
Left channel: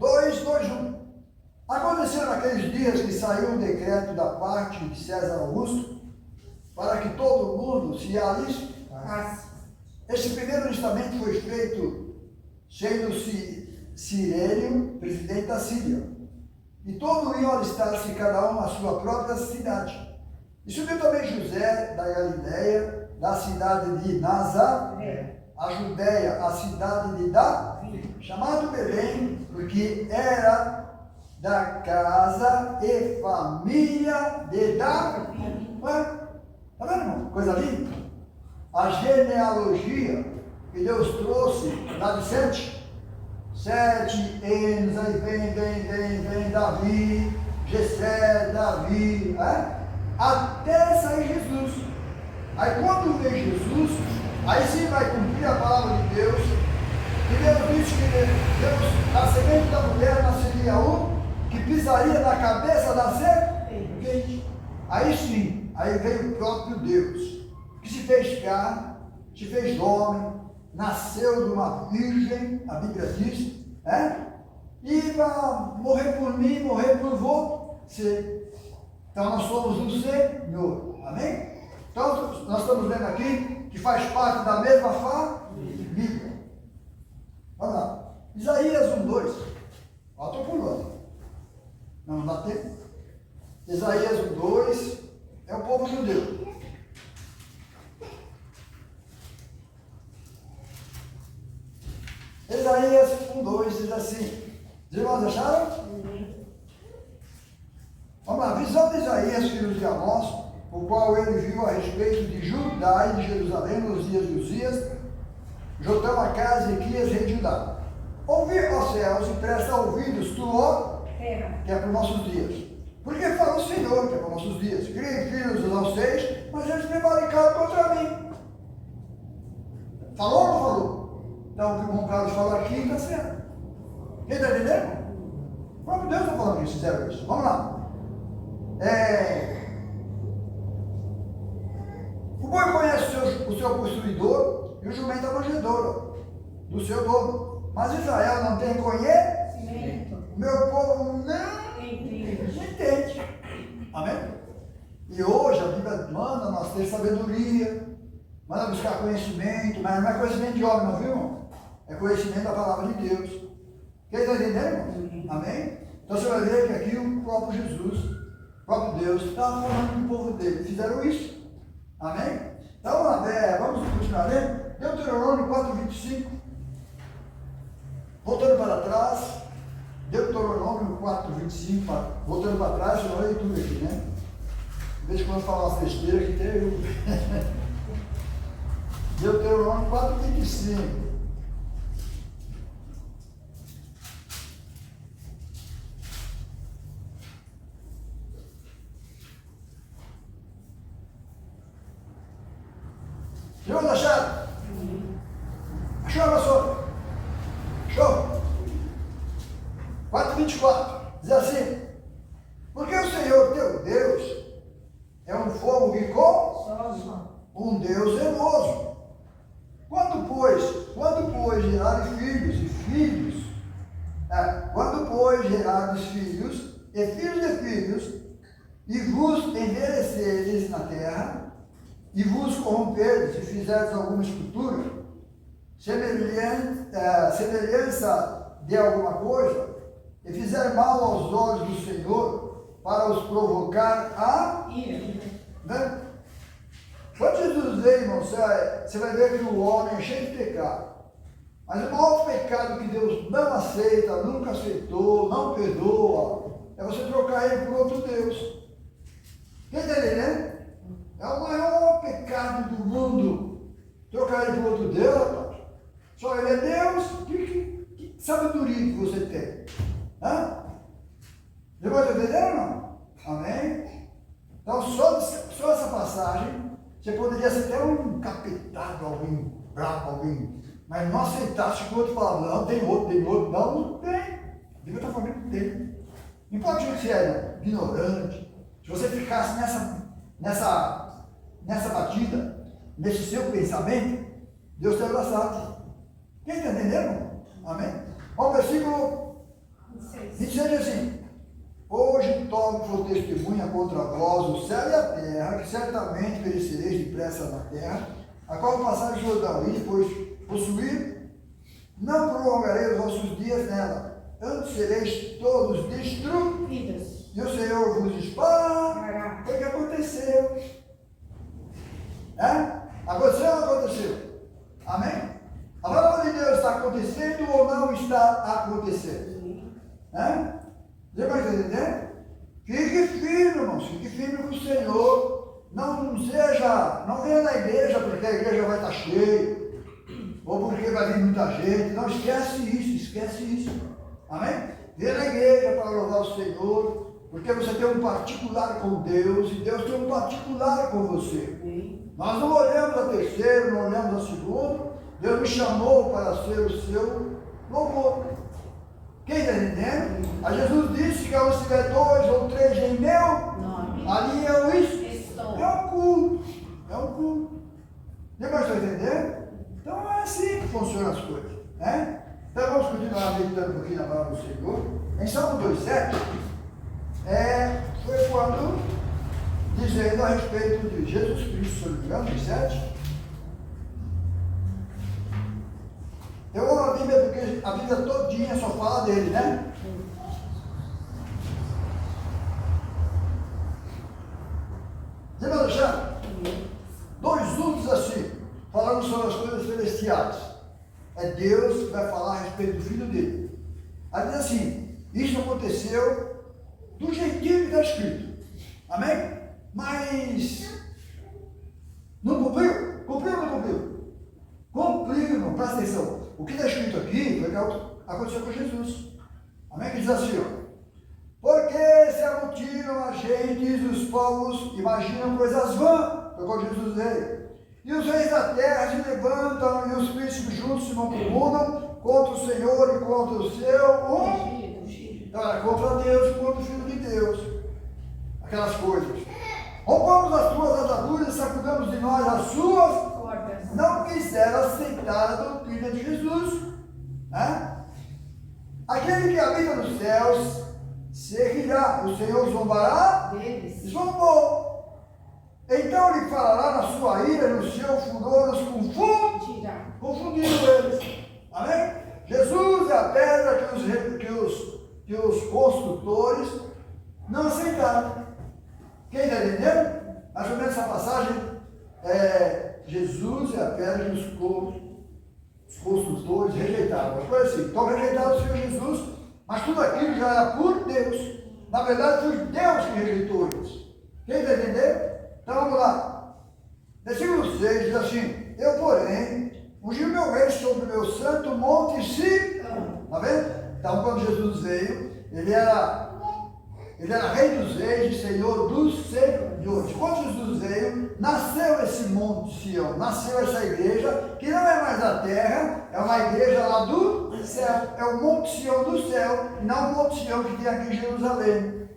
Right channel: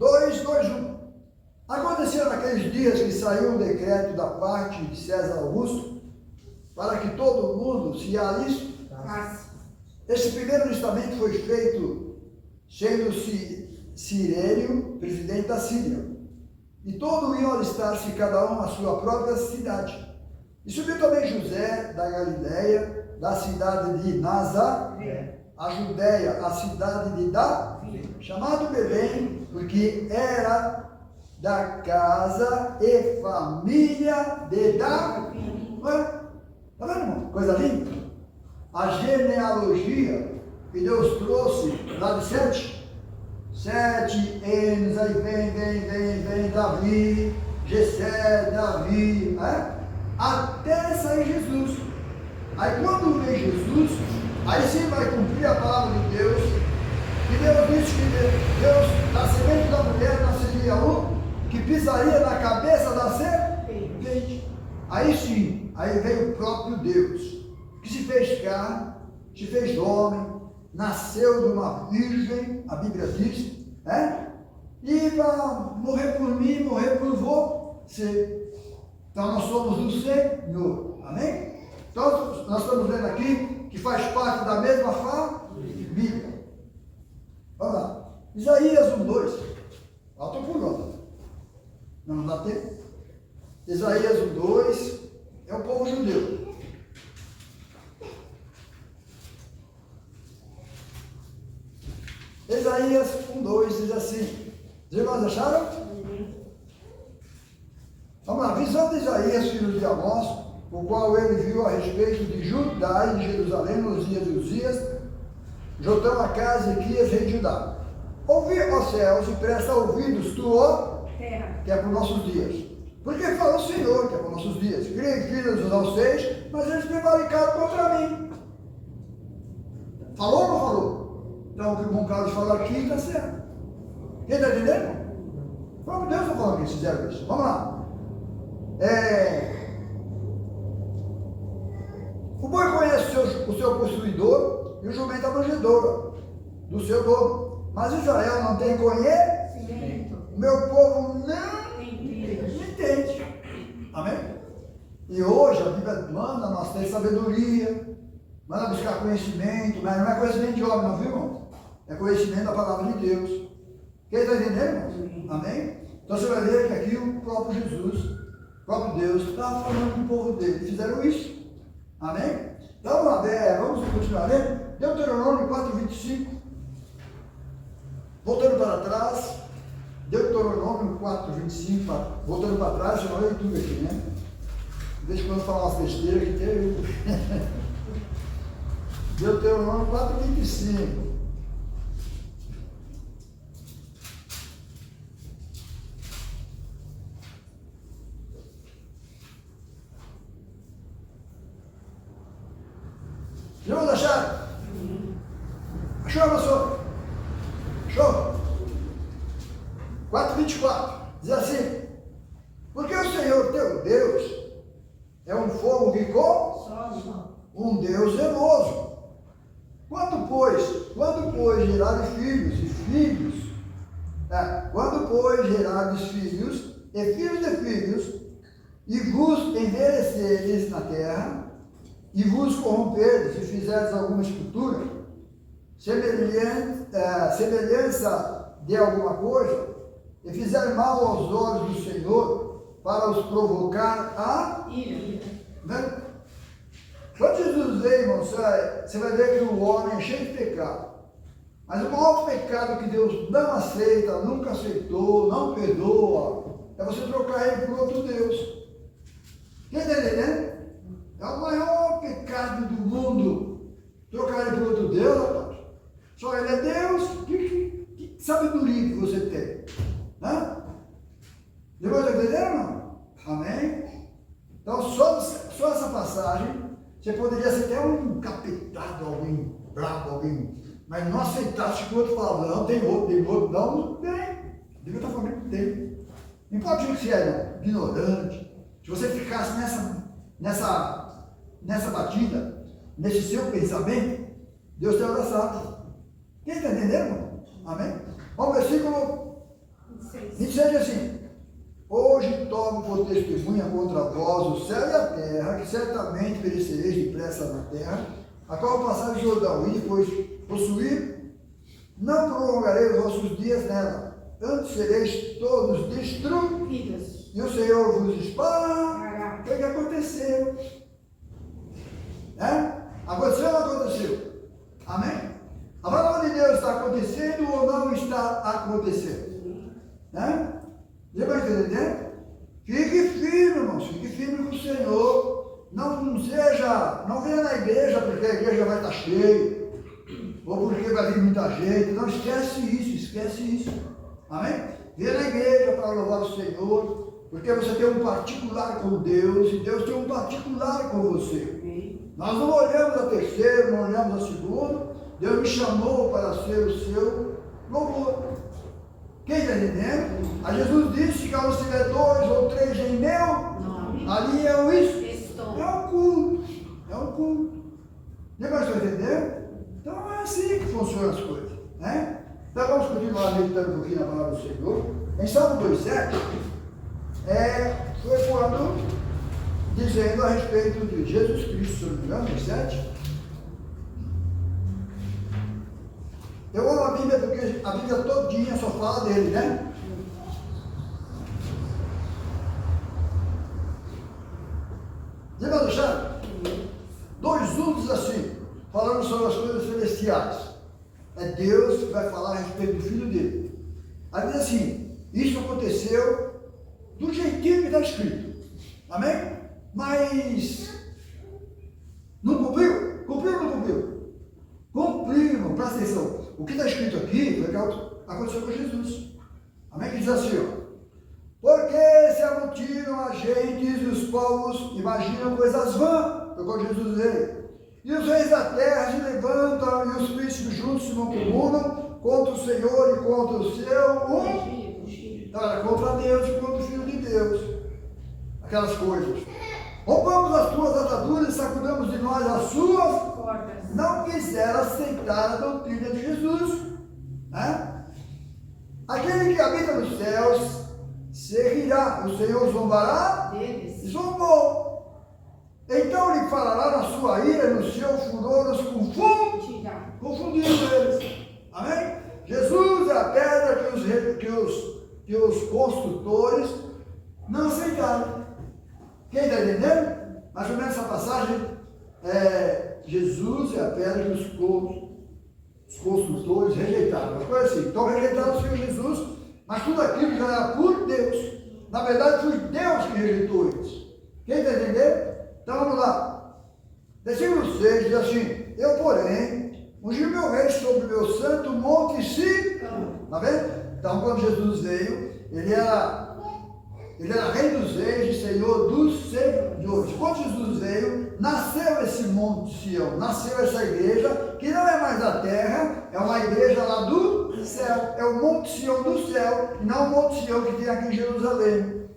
2,2,1. Aconteceu naqueles dias que saiu um decreto da parte de César Augusto para que todo mundo se alistasse. Esse primeiro listamento foi feito sendo Cirenio presidente da Síria. E todos iam alistar-se, cada um na sua própria cidade. E subiu também José da Galileia, da cidade de Nazaré, a Judéia, a cidade de Davi, chamado Belém, porque era da casa e família de Davi. Está vendo, irmão? Coisa linda. A genealogia que Deus trouxe lá de Sete anos, aí vem Davi, Jessé, Davi, até sair Jesus. Aí quando vem Jesus, aí sim vai cumprir a palavra de Deus. E Deus disse que Deus, da semente da mulher, nasceria um que pisaria na cabeça da serpente. Aí sim, aí veio o próprio Deus, que se fez carne, se fez homem, nasceu de uma virgem, a Bíblia diz, e vai morrer por mim, morrer por você. Então nós somos do Senhor, amém? Então nós estamos vendo aqui que faz parte da mesma família. Olha lá, Isaías 1:2. Falta pulando. Não dá tempo. Isaías 1:2 é o povo judeu. Isaías 1:2 diz assim. Os irmãos acharam? Vamos lá, visão de Isaías, filho de Amós, o qual ele viu a respeito de Judá e de Jerusalém nos dias de Uzias, Jotão, Acás e Ezequias, rei de Judá. Ouvi, ó céus, e presta ouvidos, tu, ó terra, que é para os nossos dias. Porque fala o Senhor, que é para os nossos dias. Criei filhos aos 6, mas eles prevaricaram contra mim. Falou ou não falou? Então o que o irmão Carlos fala aqui está certo. Quem está entendendo? O próprio Deus está falando que eles fizeram isso. Vamos lá. O boi conhece o seu possuidor e o jumento a manjedoura do seu dono. Mas Israel não tem conhecimento. O meu povo não entende. Amém? E hoje a Bíblia manda nós ter sabedoria, manda buscar conhecimento, mas não é conhecimento de homem, não, viu, irmão? É conhecimento da palavra de Deus. Quem está entendendo, irmão? Amém? Então você vai ver que aqui o próprio Jesus, o próprio Deus, está falando com o povo dele. Fizeram isso. Amém? Então vamos continuar lendo. Deuteronômio 4:25. Voltando para trás. Deuteronômio 4:25. Voltando para trás, eu não leio tudo aqui, né? De vez em quando eu falo umas besteiras que tem eu. Deuteronômio 4:25. Vamos achar? Achou, pastor? Achou? 4:24. Diz assim: porque o Senhor teu Deus é um fogo que consome, um Deus zeloso. Quando, pois, gerardes filhos e filhos, e filhos de filhos, e vos envelheceres na terra, e vos corromperdes e fizerdes alguma escultura, semelhança de alguma coisa, e fizer mal aos olhos do Senhor, para os provocar a ira. Né? Quando Jesus veio, irmão, você vai ver que o homem é cheio de pecado. Mas o maior pecado que Deus não aceita, nunca aceitou, não perdoa, é você trocar ele por outro Deus. Quem está entendendo? É o maior pecado do mundo. Trocar ele por outro Deus, rapaz. Só ele é Deus. Que sabedoria que você tem? Depois de entender, irmão? Amém? Então, só essa passagem, você poderia ser até um encapetado, alguém bravo, alguém. Mas não aceitasse que o outro falava, não, tem outro, não tem. Devia estar falando que tem. Não importa o que você é, ignorante. Se você ficasse nessa batida, nesse seu pensamento, Deus te abraçava. Quem está entendendo? Amém? O versículo 26 diz assim: hoje tomo por testemunha contra vós o céu e a terra, que certamente perecereis depressa na terra, a qual passar o Jordão, e depois possuir, não prolongarei os vossos dias nela, antes sereis todos destruídos, e o Senhor vos espantará. Foi o que aconteceu. Aconteceu ou não aconteceu? Amém? A palavra de Deus está acontecendo ou não está acontecendo? Você vai entender? Fique firme, irmãos, fique firme com o Senhor. Não venha na igreja porque a igreja vai estar cheia, ou porque vai vir muita gente. Não, esquece isso. Amém? Venha na igreja para louvar o Senhor, porque você tem um particular com Deus, e Deus tem um particular com você. Nós não olhamos a terceiro, não olhamos a segundo. Deus me chamou para ser o seu louvor. Quem está entendendo? A Jesus disse que onde estiver 2 ou 3 em meu nome, ali eu estou. É um culto. Depois está entendendo? Então é assim que funcionam as coisas. Né? Então vamos continuar meditando um pouquinho na palavra do Senhor. Em Salmo 2,7, foi quando, dizendo a respeito de Jesus Cristo, se não me engano, 2,7. Eu amo a Bíblia porque a Bíblia todinha só fala dele, né? Lembra, Alexandre? 2:1 diz assim, falando sobre as coisas celestiais. É Deus que vai falar a respeito do Filho dele. Aí diz assim, isso aconteceu do jeitinho que está escrito. Amém? Mas não cumpriu? Cumpriu ou não cumpriu? Cumpriu, irmão, presta atenção. O que está escrito aqui foi o que aconteceu com Jesus. Amém? Que diz assim, ó. Porque se amotinam as gentes e os povos imaginam coisas vãs, foi quando Jesus veio. E os reis da terra se levantam e os príncipes juntos se mancomunam contra o Senhor e contra o seu contra Deus e contra o Filho de Deus. Aquelas coisas. Rompamos as tuas ataduras e sacudamos de nós as suas cordas. Não quiseram aceitar a doutrina de Jesus. Aquele que habita nos céus se rirá, o Senhor zombará deles. Zombou. Então lhe falará na sua ira e no seu furor os confundindo eles. Amém? Jesus é a pedra que os construtores não aceitaram. Quem está entendendo? Mais ou menos essa passagem Jesus é a pedra que os construtores rejeitaram. Mas foi assim, então rejeitaram o Senhor Jesus, mas tudo aquilo já era por Deus. Na verdade foi Deus que rejeitou eles. Quem está entendendo? Então vamos lá. Versículo 6 diz assim, eu porém ungi meu rei sobre o meu santo monte Sião. Está vendo? Então quando Jesus veio, ele era rei dos reis e senhor dos senhores. Quando Jesus veio, nasceu esse monte Sião, nasceu essa igreja, que não é mais da terra, é uma igreja lá do céu, é o monte Sião do céu, e não o monte Sião que tem aqui em Jerusalém.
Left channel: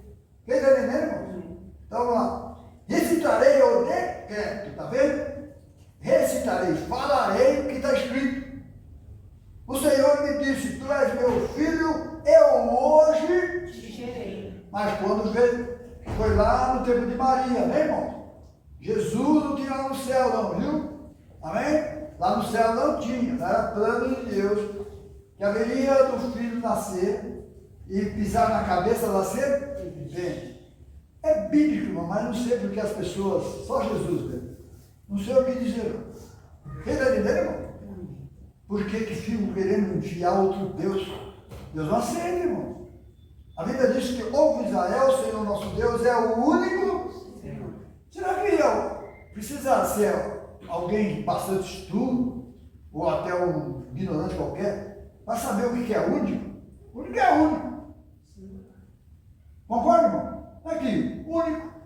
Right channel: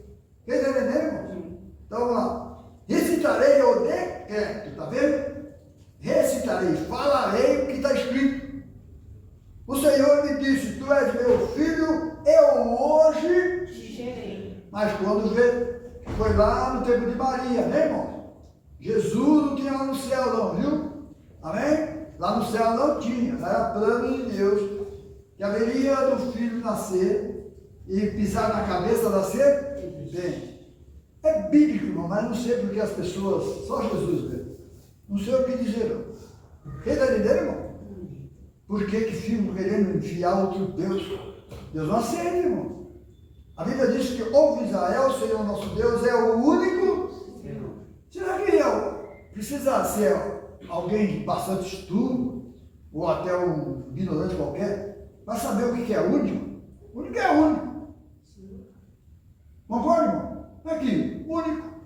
Quem está entendendo, irmão? Então vamos lá. Recitarei o decreto, está vendo? Recitarei, falarei o que está escrito. O Senhor me disse, tu és meu filho, eu hoje te gerei. Mas quando veio, foi lá no tempo de Maria, né, irmão? Jesus não tinha lá no céu não, viu? Amém? Lá no céu não tinha, era plano de Deus, que haveria do filho nascer e pisar na cabeça da serpente. É bíblico, irmão, mas não sei porque as pessoas, só Jesus vê. Não sei o que dizer, não. Quem está entendendo, irmão? Por que ficam querendo enfiar outro Deus? Deus não aceita, irmão. A Bíblia diz que ouve Israel, o Senhor nosso Deus é o único. Será que precisa ser alguém de bastante estudo, ou até um ignorante qualquer, para saber o que é único? O único é único. Concorda, irmão? Aqui, único.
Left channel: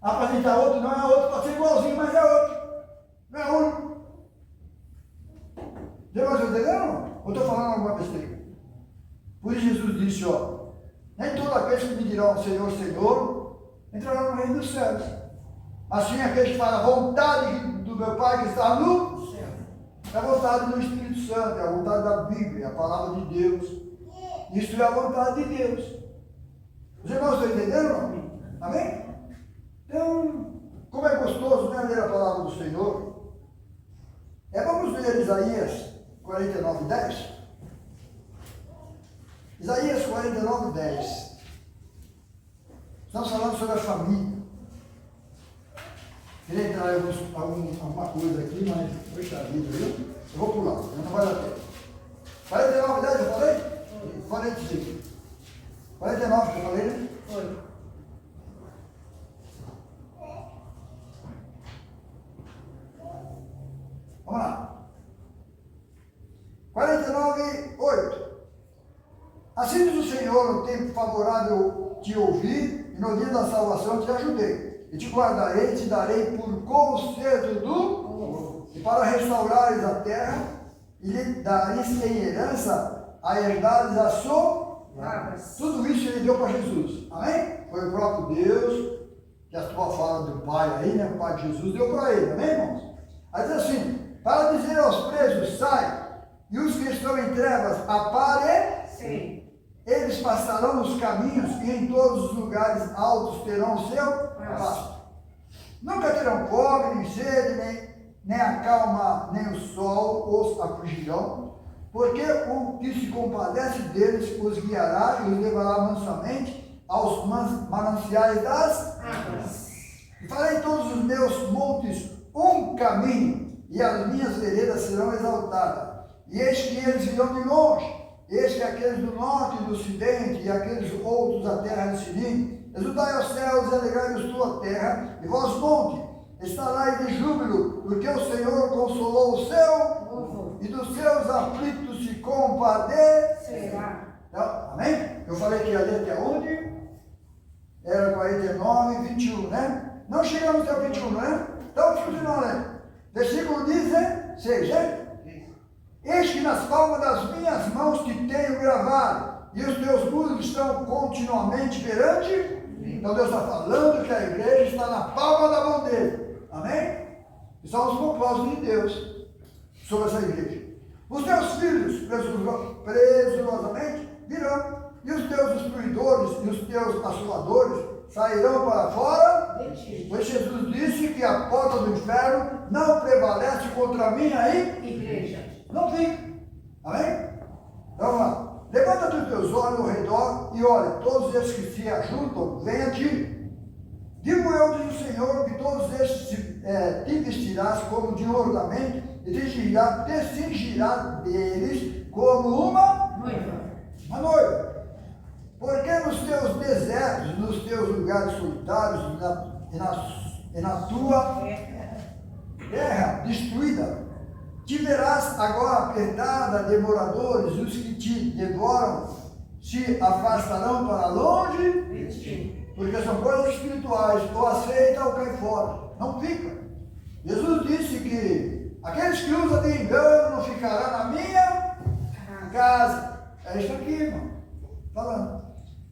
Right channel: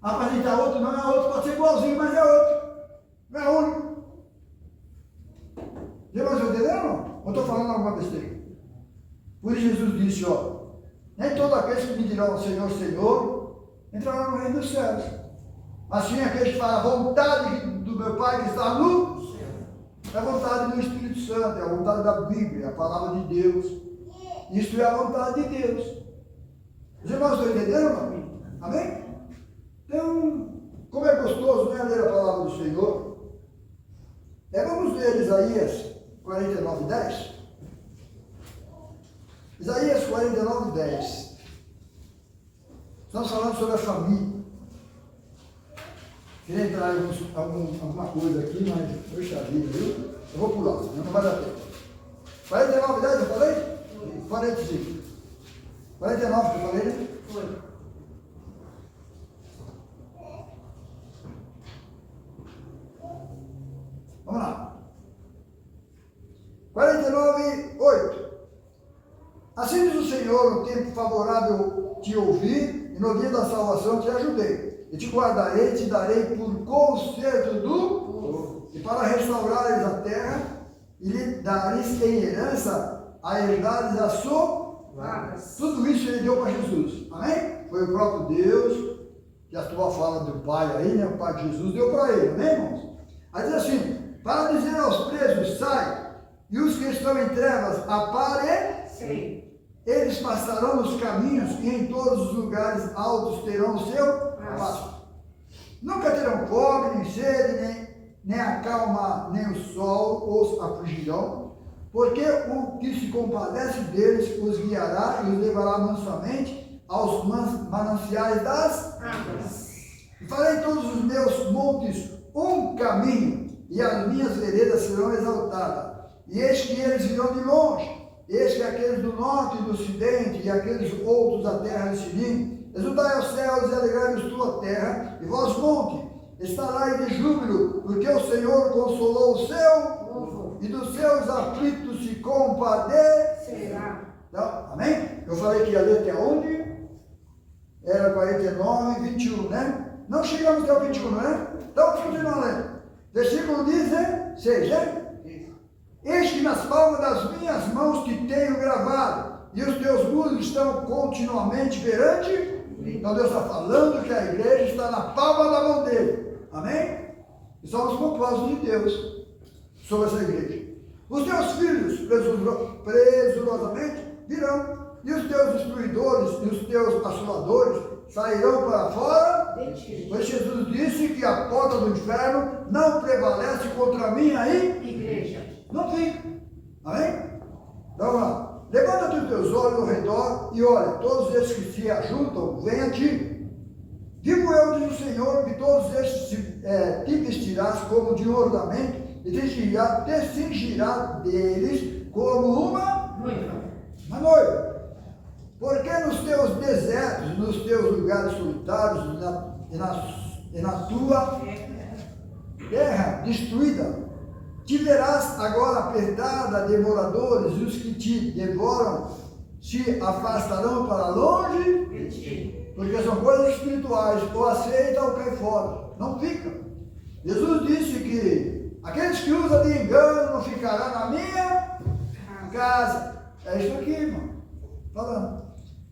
Apresentar outro não é outro, pode ser igualzinho, mas é outro. Não é único. Já mais entendendo? Ou estou falando alguma besteira? Por isso Jesus disse, ó, Nem todos aqueles que me dirão Senhor, Senhor, entrarão no reino dos céus. Assim aqueles que falam, a vontade do meu Pai que está no céu. É a vontade do Espírito Santo, é a vontade da Bíblia, a palavra de Deus. Isso é a vontade de Deus. Os irmãos estão entendendo, irmão? Amém? Então, como é gostoso, né, ler a palavra do Senhor. Vamos ler Isaías 49, 10. Isaías 49, 10. Estamos falando sobre a família. Queria entrar em alguma coisa aqui, mas poxa vida, viu? Eu vou pular, não vai dar tempo. 49, 10 eu falei? 45. 49 que eu falei, né? Foi. Vamos lá. 49, 8. Assim diz o Senhor, no tempo favorável te ouvi, e no dia da salvação te ajudei. E te guardarei, e te darei por conserto do povo, e para restaurares a terra, e lhe dares em herança a herdades a sua. Tudo isso ele deu para Jesus. Amém? Foi o próprio Deus, que a tua fala do Pai aí, né? O Pai de Jesus deu para ele. Amém, irmãos? Aí diz assim, para dizer aos presos, sai, e os que estão em trevas, apareçam. Eles passarão nos caminhos e em todos os lugares altos terão o seu pasto. Nunca terão fome, nem sede, nem a calma, nem o sol os afligirão, porque o que se compadece deles os guiará e os levará mansamente aos mananciais das águas. E farei em todos os meus montes um caminho, e as minhas veredas serão exaltadas. E eis que eles virão de longe. Eis que aqueles do norte e do ocidente, e aqueles outros da terra de Sinim, exultai aos céus e alegrai-vos tua terra, e vós monte, estarai de júbilo, porque o Senhor consolou o seu povo, e dos seus aflitos se compadecerá. Então, amém? Eu falei que ia ler até onde? Era 49, 21, né? Não chegamos até o 21, né? Então, continuando lendo. Versículo 16, né? Eis que nas palmas das minhas mãos te tenho gravado, e os teus muros estão continuamente perante mim. Então Deus está falando que a igreja está na palma da mão dele. Amém? E são os propósitos de Deus sobre essa igreja. Os teus filhos, presurosamente, virão, e os teus destruidores e os teus assoladores sairão para fora de ti. Pois Jesus disse que a porta do inferno não prevalece contra mim aí, igreja. Não fica. Amém? Então vamos lá. Levanta-te os teus olhos ao redor e olha, todos esses que se ajuntam, vêm a ti. Digo eu, diz o Senhor, que todos estes te vestirás como de ornamento e te cingirás deles como uma noiva. Porque nos teus desertos, nos teus lugares solitários e na tua terra destruída, te verás agora apertada de moradores, e os que te devoram se afastarão para longe de ti. Porque são coisas espirituais, ou aceita ou cai fora, não fica. Jesus disse que aqueles que usam de engano não ficarão na minha casa. É isso aqui, irmão, falando.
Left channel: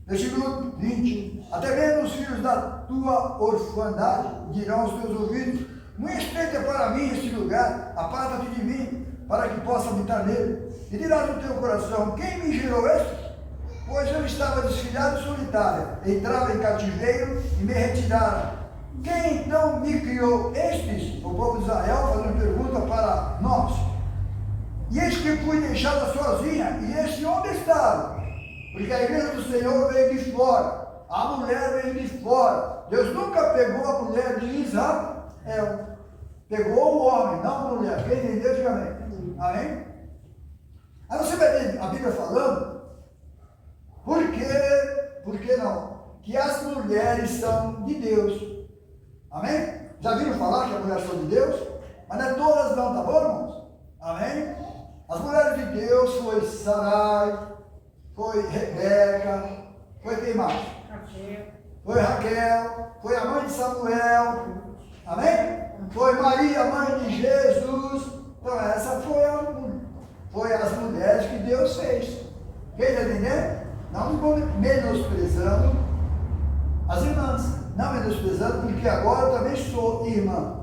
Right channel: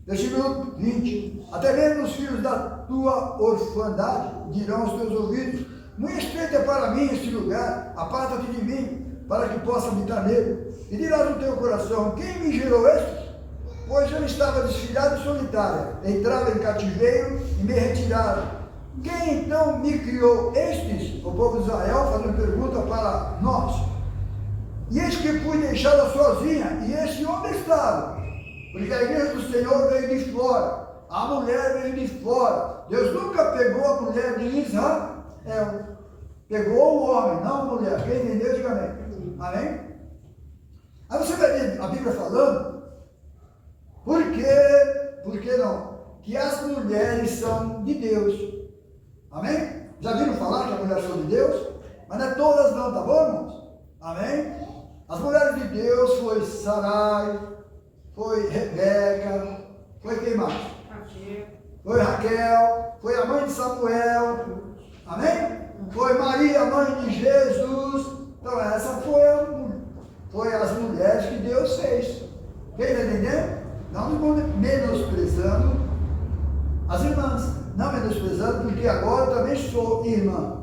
Versículo 20. Até mesmo os filhos da tua orfandade dirão aos teus ouvidos: muito estreito é para mim este lugar, aparta-te de mim, para que possa habitar nele. E dirás no teu coração: quem me gerou estes? Pois eu estava desfilhado e solitária, entrava em cativeiro e me retiraram. Quem então me criou estes? O povo de Israel fazendo pergunta para nós. E eis que fui deixada sozinha, e este onde estava? Porque a igreja do Senhor veio de fora, a mulher veio de fora. Deus nunca pegou a mulher de Israel. Pegou o homem, não a mulher. Quem entendeu, diga amém. Amém? Aí você vai ver a Bíblia falando, por que não? Que as mulheres são de Deus. Amém? Já viram falar que as mulheres são de Deus? Mas não é todas não, tá bom, irmãos? Amém? As mulheres de Deus foi Sarai, foi Rebeca, foi quem mais? Foi Raquel, foi a mãe de Samuel. Amém? Foi Maria, mãe de Jesus. Então essa foi as mulheres que Deus fez. Quem está entendendo? Não menosprezando as irmãs. Não menosprezando, porque agora eu também sou irmã.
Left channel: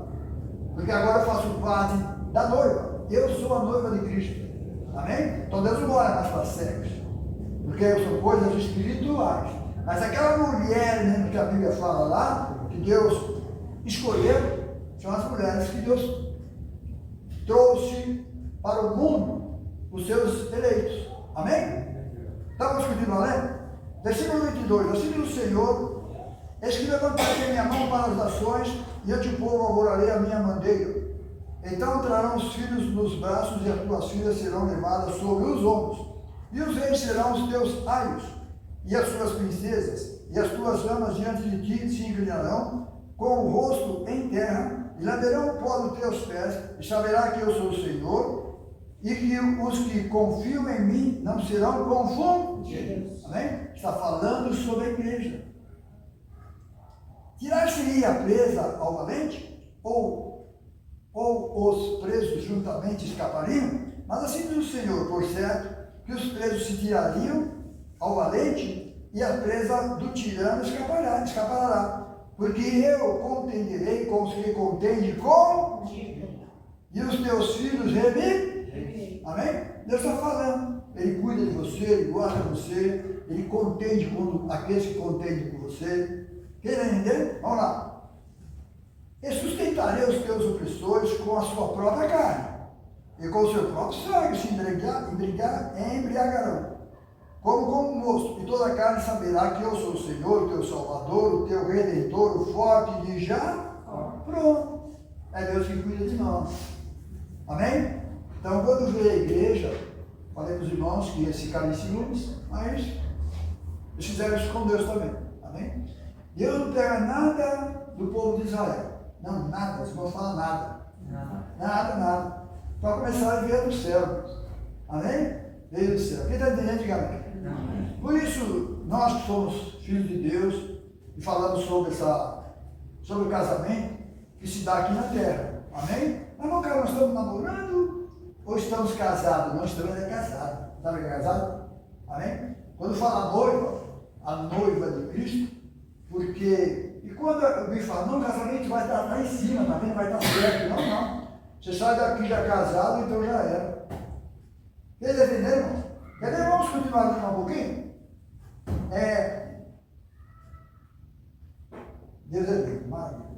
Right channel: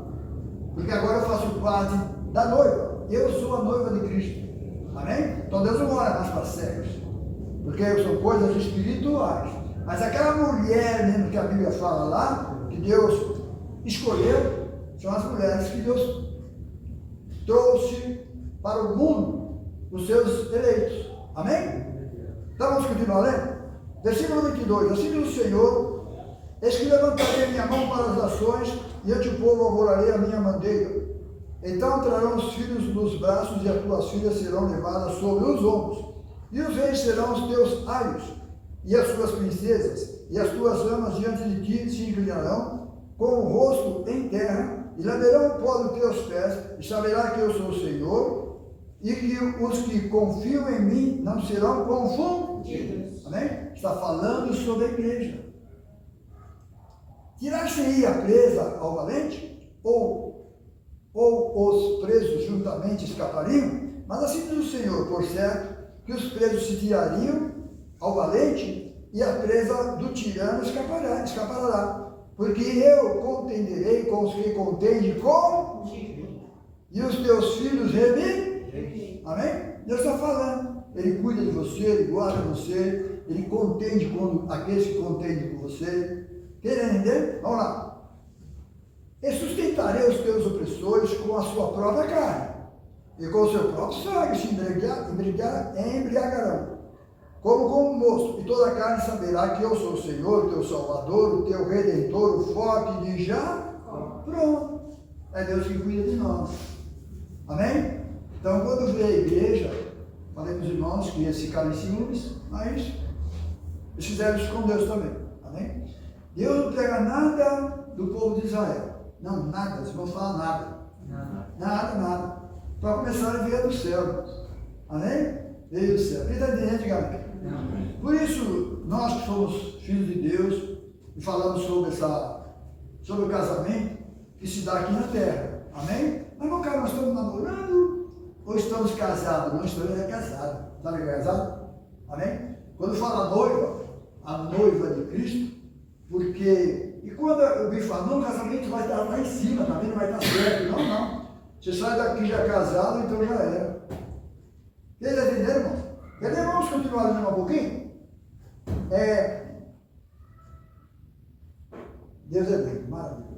Porque agora eu faço parte da noiva. Eu sou a noiva de Cristo. Amém? Então Deus não olha mais para sexo. Porque são coisas espirituais. Mas aquela mulher mesmo que a Bíblia fala lá, que Deus escolheu, são as mulheres que Deus trouxe para o mundo, os seus eleitos. Amém? Então vamos continuar lendo? Versículo 22. Assim diz o Senhor: eis que levantarei a minha mão para as nações, e eu te povo alvorarei a minha bandeira. Então trarão os filhos nos braços, e as tuas filhas serão levadas sobre os ombros, e os reis serão os teus aios, e as suas princesas, e as tuas amas diante de ti se inclinarão, com o rosto em terra, e lamberão o pó dos teus pés, e saberá que eu sou o Senhor, e que os que confiam em mim não serão confundidos. Amém? Está falando sobre a igreja. Tirar-se-ia presa ao valente, ou os presos juntamente escapariam? Mas assim diz o Senhor: por certo, que os presos se tirariam ao valente, e a presa do tirano escapará. Porque eu contenderei com os que contendem contigo, e os teus filhos reviverem. Amém? Deus está falando. Ele cuida de você, ele guarda você, ele contende com aqueles que contendem com você. Quer entender? Vamos lá. E sustentarei os teus opressores com a sua própria carne, e com o seu próprio sangue se embriagarão, como com um mosto, e toda a carne saberá que eu sou o Senhor, o teu Salvador, o teu Redentor, o forte de Jacó. Pronto. É Deus que cuida de nós. Amém? Então, quando vê a igreja, falei para os irmãos que eles ficaram em ciúmes, mas eles fizeram isso com Deus também. Amém? Deus não pega nada do povo de Israel. Não, nada. Vocês vão falar nada. Nada. Para começar, ele veio do céu. Amém? Veio do céu. Quem está entendendo, diga amém. Por isso, nós que somos filhos de Deus e falamos sobre o casamento que se dá aqui na terra. Amém? Mas não, cara, nós estamos namorando ou estamos casados? Não, estamos casados. Está casado? Amém? Quando fala noiva, a noiva de Cristo, porque, e quando eu vi falar, não, o casamento vai estar lá em cima, tá vendo? Vai estar perto. Não. Você sai daqui já casado, então já era. Vocês entenderam, irmão? Beleza? Vamos continuar aqui um pouquinho? Deus é bem, maravilhoso.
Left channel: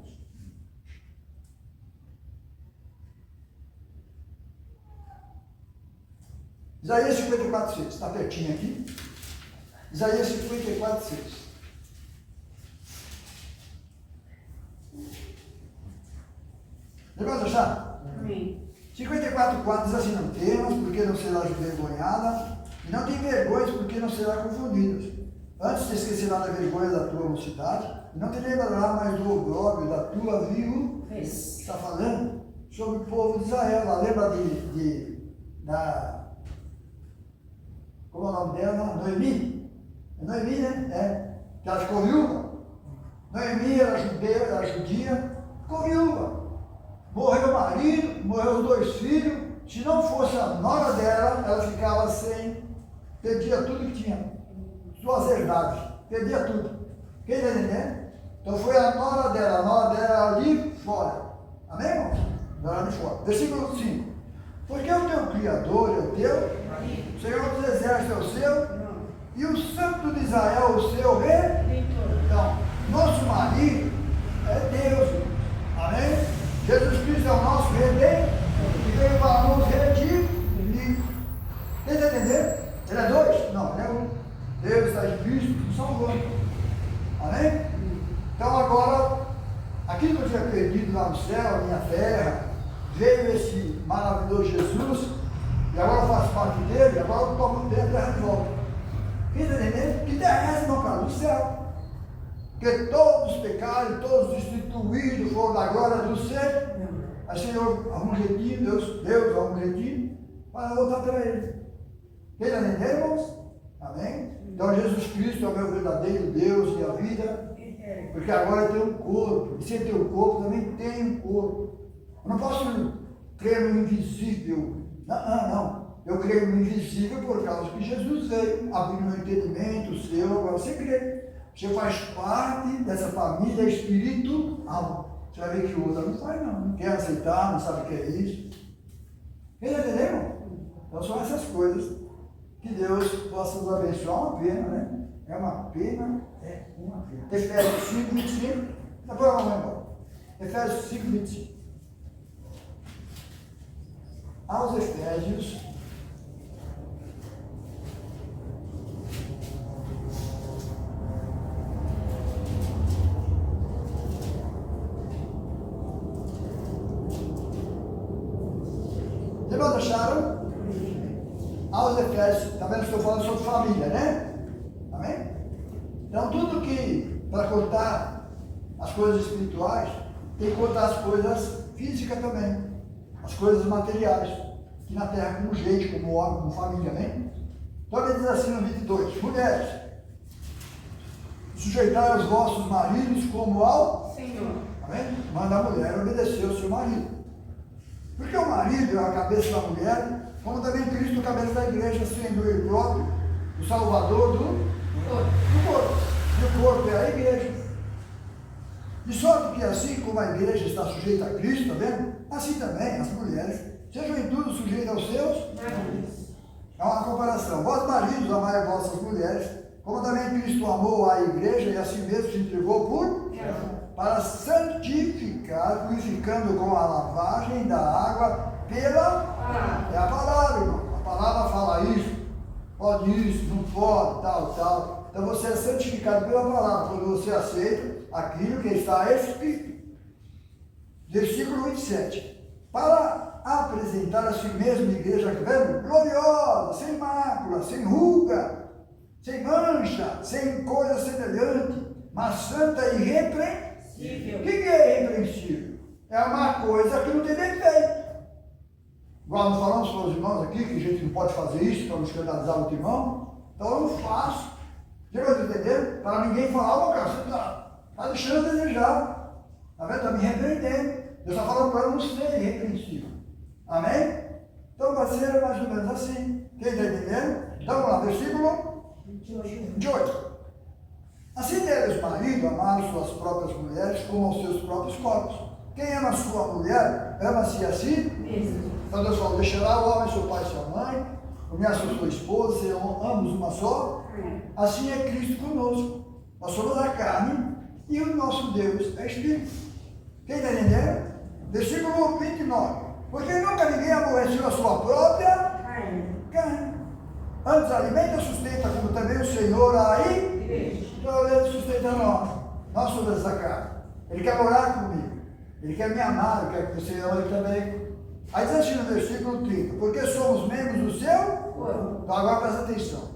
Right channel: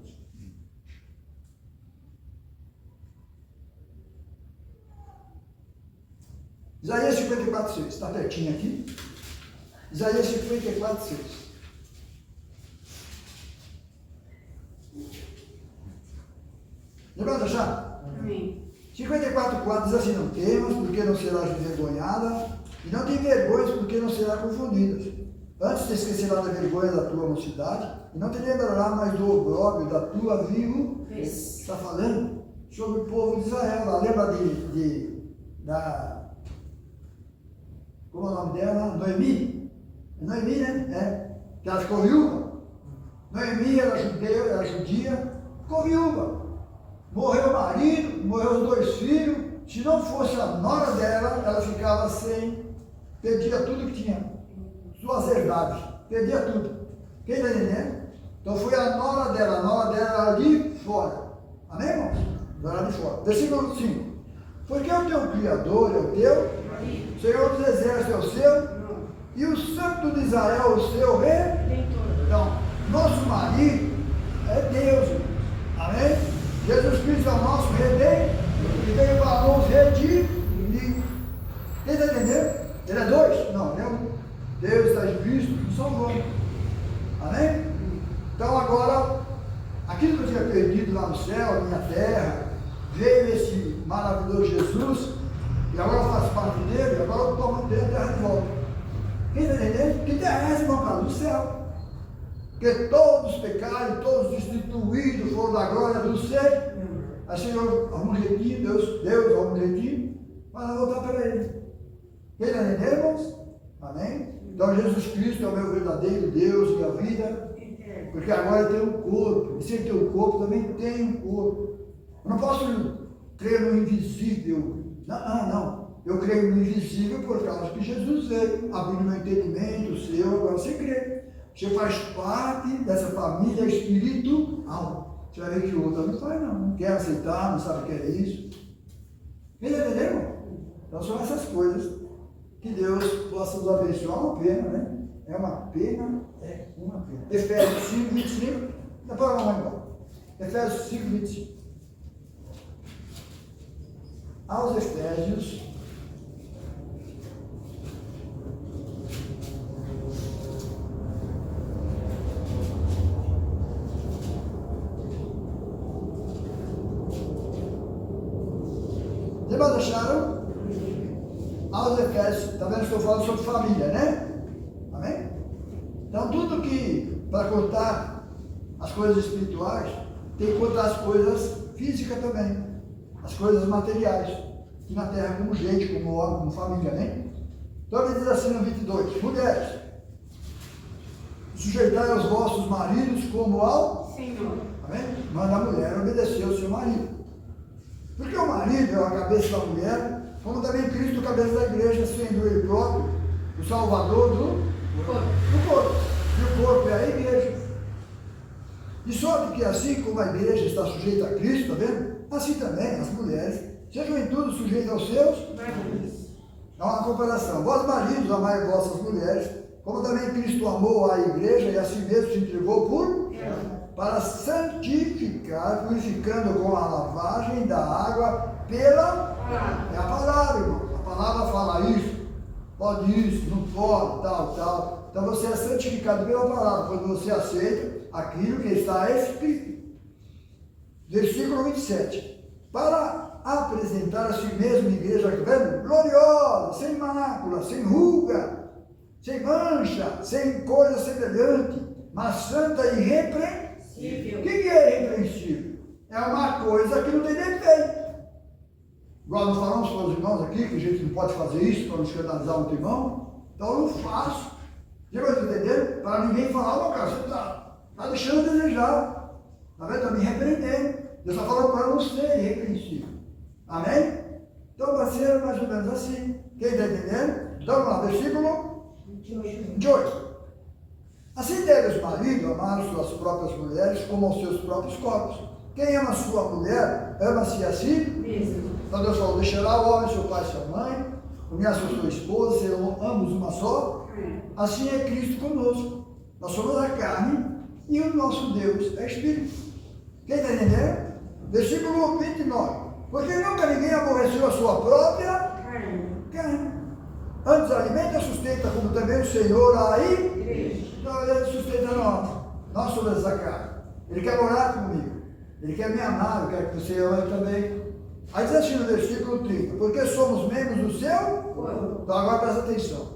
Isaías 54:6, está pertinho aqui. Isaías 54:6. Levanta já? Amém. 54:4 diz assim: não temas, porque não serás envergonhada, e não te envergonhes, porque não serás confundida. Antes te esquecerá da vergonha da tua mocidade, e não te lembrará mais do opróbrio da tua viuvez. Está falando sobre o povo de Israel. Ela lembra como é o nome dela? Noemi? É Noemi, né? Que ela ficou viúva. Noemi era judia, ficou viúva. Morreu o marido, morreu os 2 filhos. Se não fosse a nora dela, ela ficava sem, perdia tudo que tinha, suas herdades, perdia tudo. Quem está entendendo? Então foi a nora dela era de fora. Amém, irmãos? Era de fora. Versículo 5. Porque o teu Criador é o teu, o Senhor dos Exércitos é o seu, e o Santo de Israel o seu Redentor. Então, nosso marido é Deus. Amém? Jesus Cristo é o nosso Redentor, que veio para nos redimir. Quem está entendendo? Ele é 2? Não, ele é 1. Deus está em Cristo nos salvando. Amém? Então agora, aquilo que eu tinha perdido lá no céu, minha terra, veio esse maravilhoso Jesus, e agora eu faço parte dele, agora eu tomo dele e terra de volta. Quem está entendendo? Que terra é essa, irmão Carlos? Do céu. Porque todos pecaram, todos destituídos foram da glória do Senhor. Aí o Senhor arruma um jeitinho, Deus arruma um jeitinho, para voltar para Ele. Quem está entendendo, irmãos? Amém? Então Jesus Cristo é o meu verdadeiro Deus e a vida, porque agora tem um corpo, e se ele tem um corpo, também tem um corpo. Eu não posso crer no invisível. Não. Eu creio no invisível por causa que Jesus veio, abrindo meu entendimento, o seu, agora você crê. Você faz parte dessa família espiritual. Você vai ver que o outro não faz não quer aceitar, não sabe o que é isso. Entendeu? Então são essas coisas que Deus possa nos abençoar. Uma pena, né? É uma pena, é uma pena. Efésios 5, 25. Depois vamos embora. Efésios 5, 25. Aos Efésios. Vocês acharam? Aos Efésios, está vendo? Estou falando sobre família, né? Amém? Então, tudo que, para contar as coisas espirituais, tem que contar as coisas físicas também, as coisas materiais, que na terra, como gente, como homem, como família, amém? Então, ele diz assim no 22: mulheres, sujeitai aos vossos maridos como ao Senhor. Amém? Manda a mulher obedecer ao seu marido. Porque o marido é a cabeça da mulher, como também Cristo é a cabeça da igreja, sendo ele próprio o salvador do corpo. E o corpo é a igreja. De sorte que assim como a igreja está sujeita a Cristo, está vendo? Assim também as mulheres sejam em tudo sujeitas aos seus maridos. É uma comparação. Vós maridos, amai vossas mulheres, como também Cristo amou a igreja e a si mesmo se entregou por para santificar, purificando com a lavagem da água pela palavra. É a palavra, irmão. A palavra fala isso, pode isso, não pode, tal. Então você é santificado pela palavra quando você aceita aquilo que está escrito. Versículo 27. Para apresentar a si mesmo a igreja, vendo? Gloriosa, sem mácula, sem ruga, sem mancha, sem coisa semelhante, mas santa e irrepreensível. O que é irrepreensível? É uma coisa que não tem defeito. Igual nós falamos para os irmãos aqui, que a gente não pode fazer isso para não escandalizar outro irmão, então eu não faço. Já vai entender? Para ninguém falar, ô cara, você está deixando a desejar. Está vendo? Está me repreendendo. Deus está falando para não ser irrepreensível. Amém? Então vai ser mais ou menos assim. Quem está entendendo? Então vamos lá, versículo 28. Assim deve os maridos amar suas próprias mulheres como aos seus próprios corpos. Quem ama sua mulher, ama-se a si mesmo. Então Deus falou: deixará o homem seu pai e sua mãe, unir-se a sua esposa, serão ambos uma só. Assim é Cristo conosco. Nós somos a carne e o nosso Deus é Espírito. Quem está entendendo? Versículo 29. Porque nunca ninguém aborreceu a sua própria carne. Antes alimenta e sustenta, como também o Senhor aí. Então ele sustenta nós somos essa carne. Ele quer morar comigo. Ele quer me amar, ele quer que você ame também. Aí diz assim no versículo 30. Porque somos membros do seu corpo. Então agora presta atenção.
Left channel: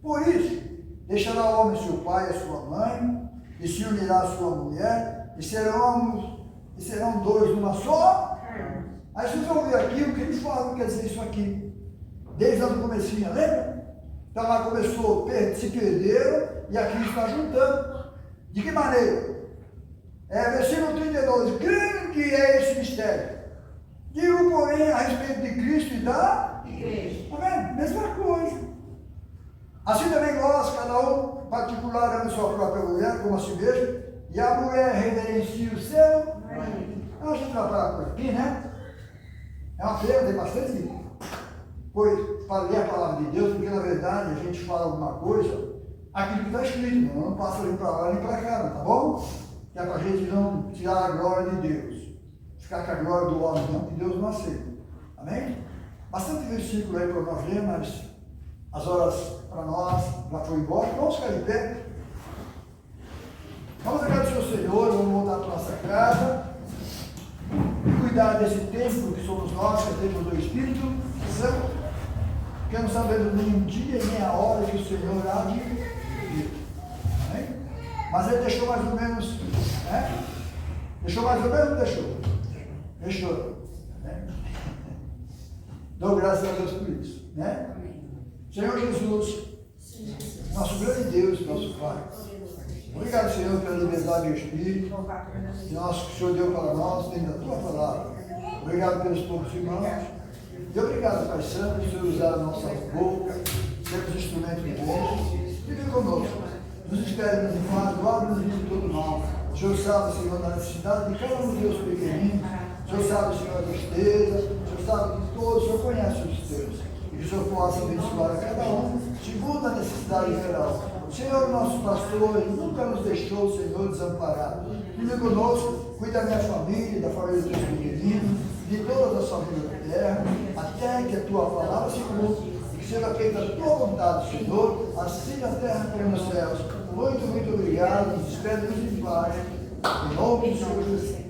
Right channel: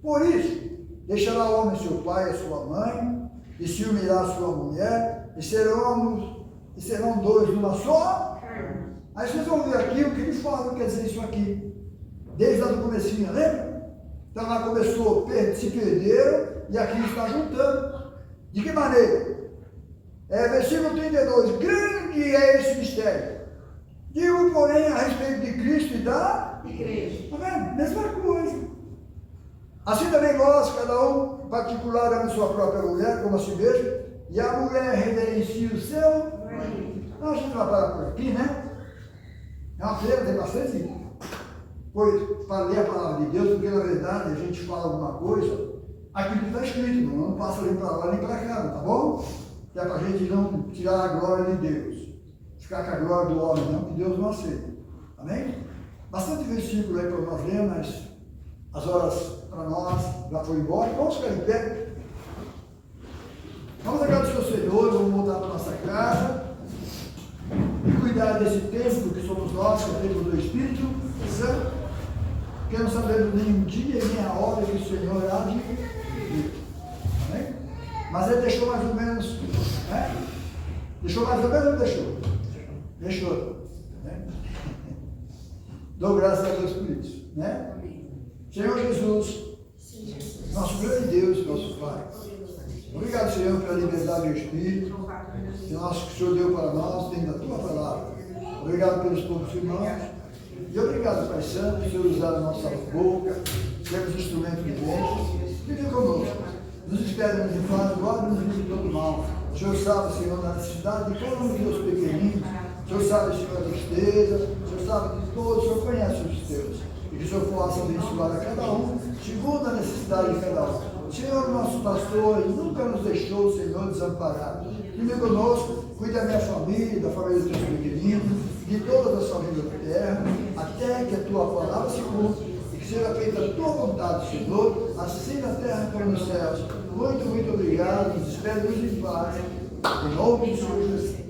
Por isso, deixará o homem seu pai e sua mãe, e se unirá a sua mulher, e serão dois numa só. Aí vocês vão ver aqui o que ele fala, quer dizer isso aqui. Desde lá do comecinho, lembra? Então lá começou, se perderam, e aqui está juntando. De que maneira? Versículo 32. Grande é esse mistério. Digo, porém, a respeito de Cristo e da igreja. Está vendo? Mesma coisa. Assim também nós, cada um particular, ama sua própria mulher, como a si mesmo, e a mulher reverencia o seu marido. A gente vai parar por aqui, né? É uma pena, tem bastante coisa para ler a palavra de Deus, porque na verdade a gente fala alguma coisa, aquilo que está escrito, não passa nem para lá nem para cá, tá bom? Que é para a gente não tirar a glória de Deus, ficar com a glória do homem, não, que Deus não aceita. Amém? Bastante versículo aí para nós ler, mas as horas para nós já foi embora. Vamos ficar em pé. Vamos agradecer ao Senhor, vamos voltar para a nossa casa. E cuidar desse templo que somos nós, que é o templo do Espírito Santo, porque não sabemos nem o dia nem a hora que o Senhor há de vir. Amém? Mas ele deixou mais ou menos, né? Deixou mais ou menos ou deixou? Deixou. Né? Dou graças a Deus por isso. Né? Senhor Jesus, nosso grande Deus, nosso Pai. Obrigado, Senhor, pela liberdade do Espírito, que o Senhor deu para nós, dentro da Tua palavra. Obrigado pelos poucos irmãos, E obrigado, Pai Santo, por Senhor usar a nossa boca, sermos instrumentos de bênção. Fique conosco. Nos espere, nos guarde, guarde-nos de todo mal. O Senhor sabe, Senhor, da necessidade de cada um dos teus pequeninos. O Senhor sabe, Senhor, a tristeza. O Senhor sabe de todos. O Senhor conhece os teus. E que o Senhor possa abençoar a cada um, segundo a necessidade de cada um. O Senhor, nosso pastor, nunca nos deixou, Senhor, desamparado. Fique conosco, cuida da minha família, da família dos teus pequeninos, de todas as famílias da terra, até que a tua palavra se cumpra. Que seja feita a tua vontade, Senhor, assim na terra como nos céus. Muito, muito obrigado. Nos despedimos em paz. Em nome de Jesus.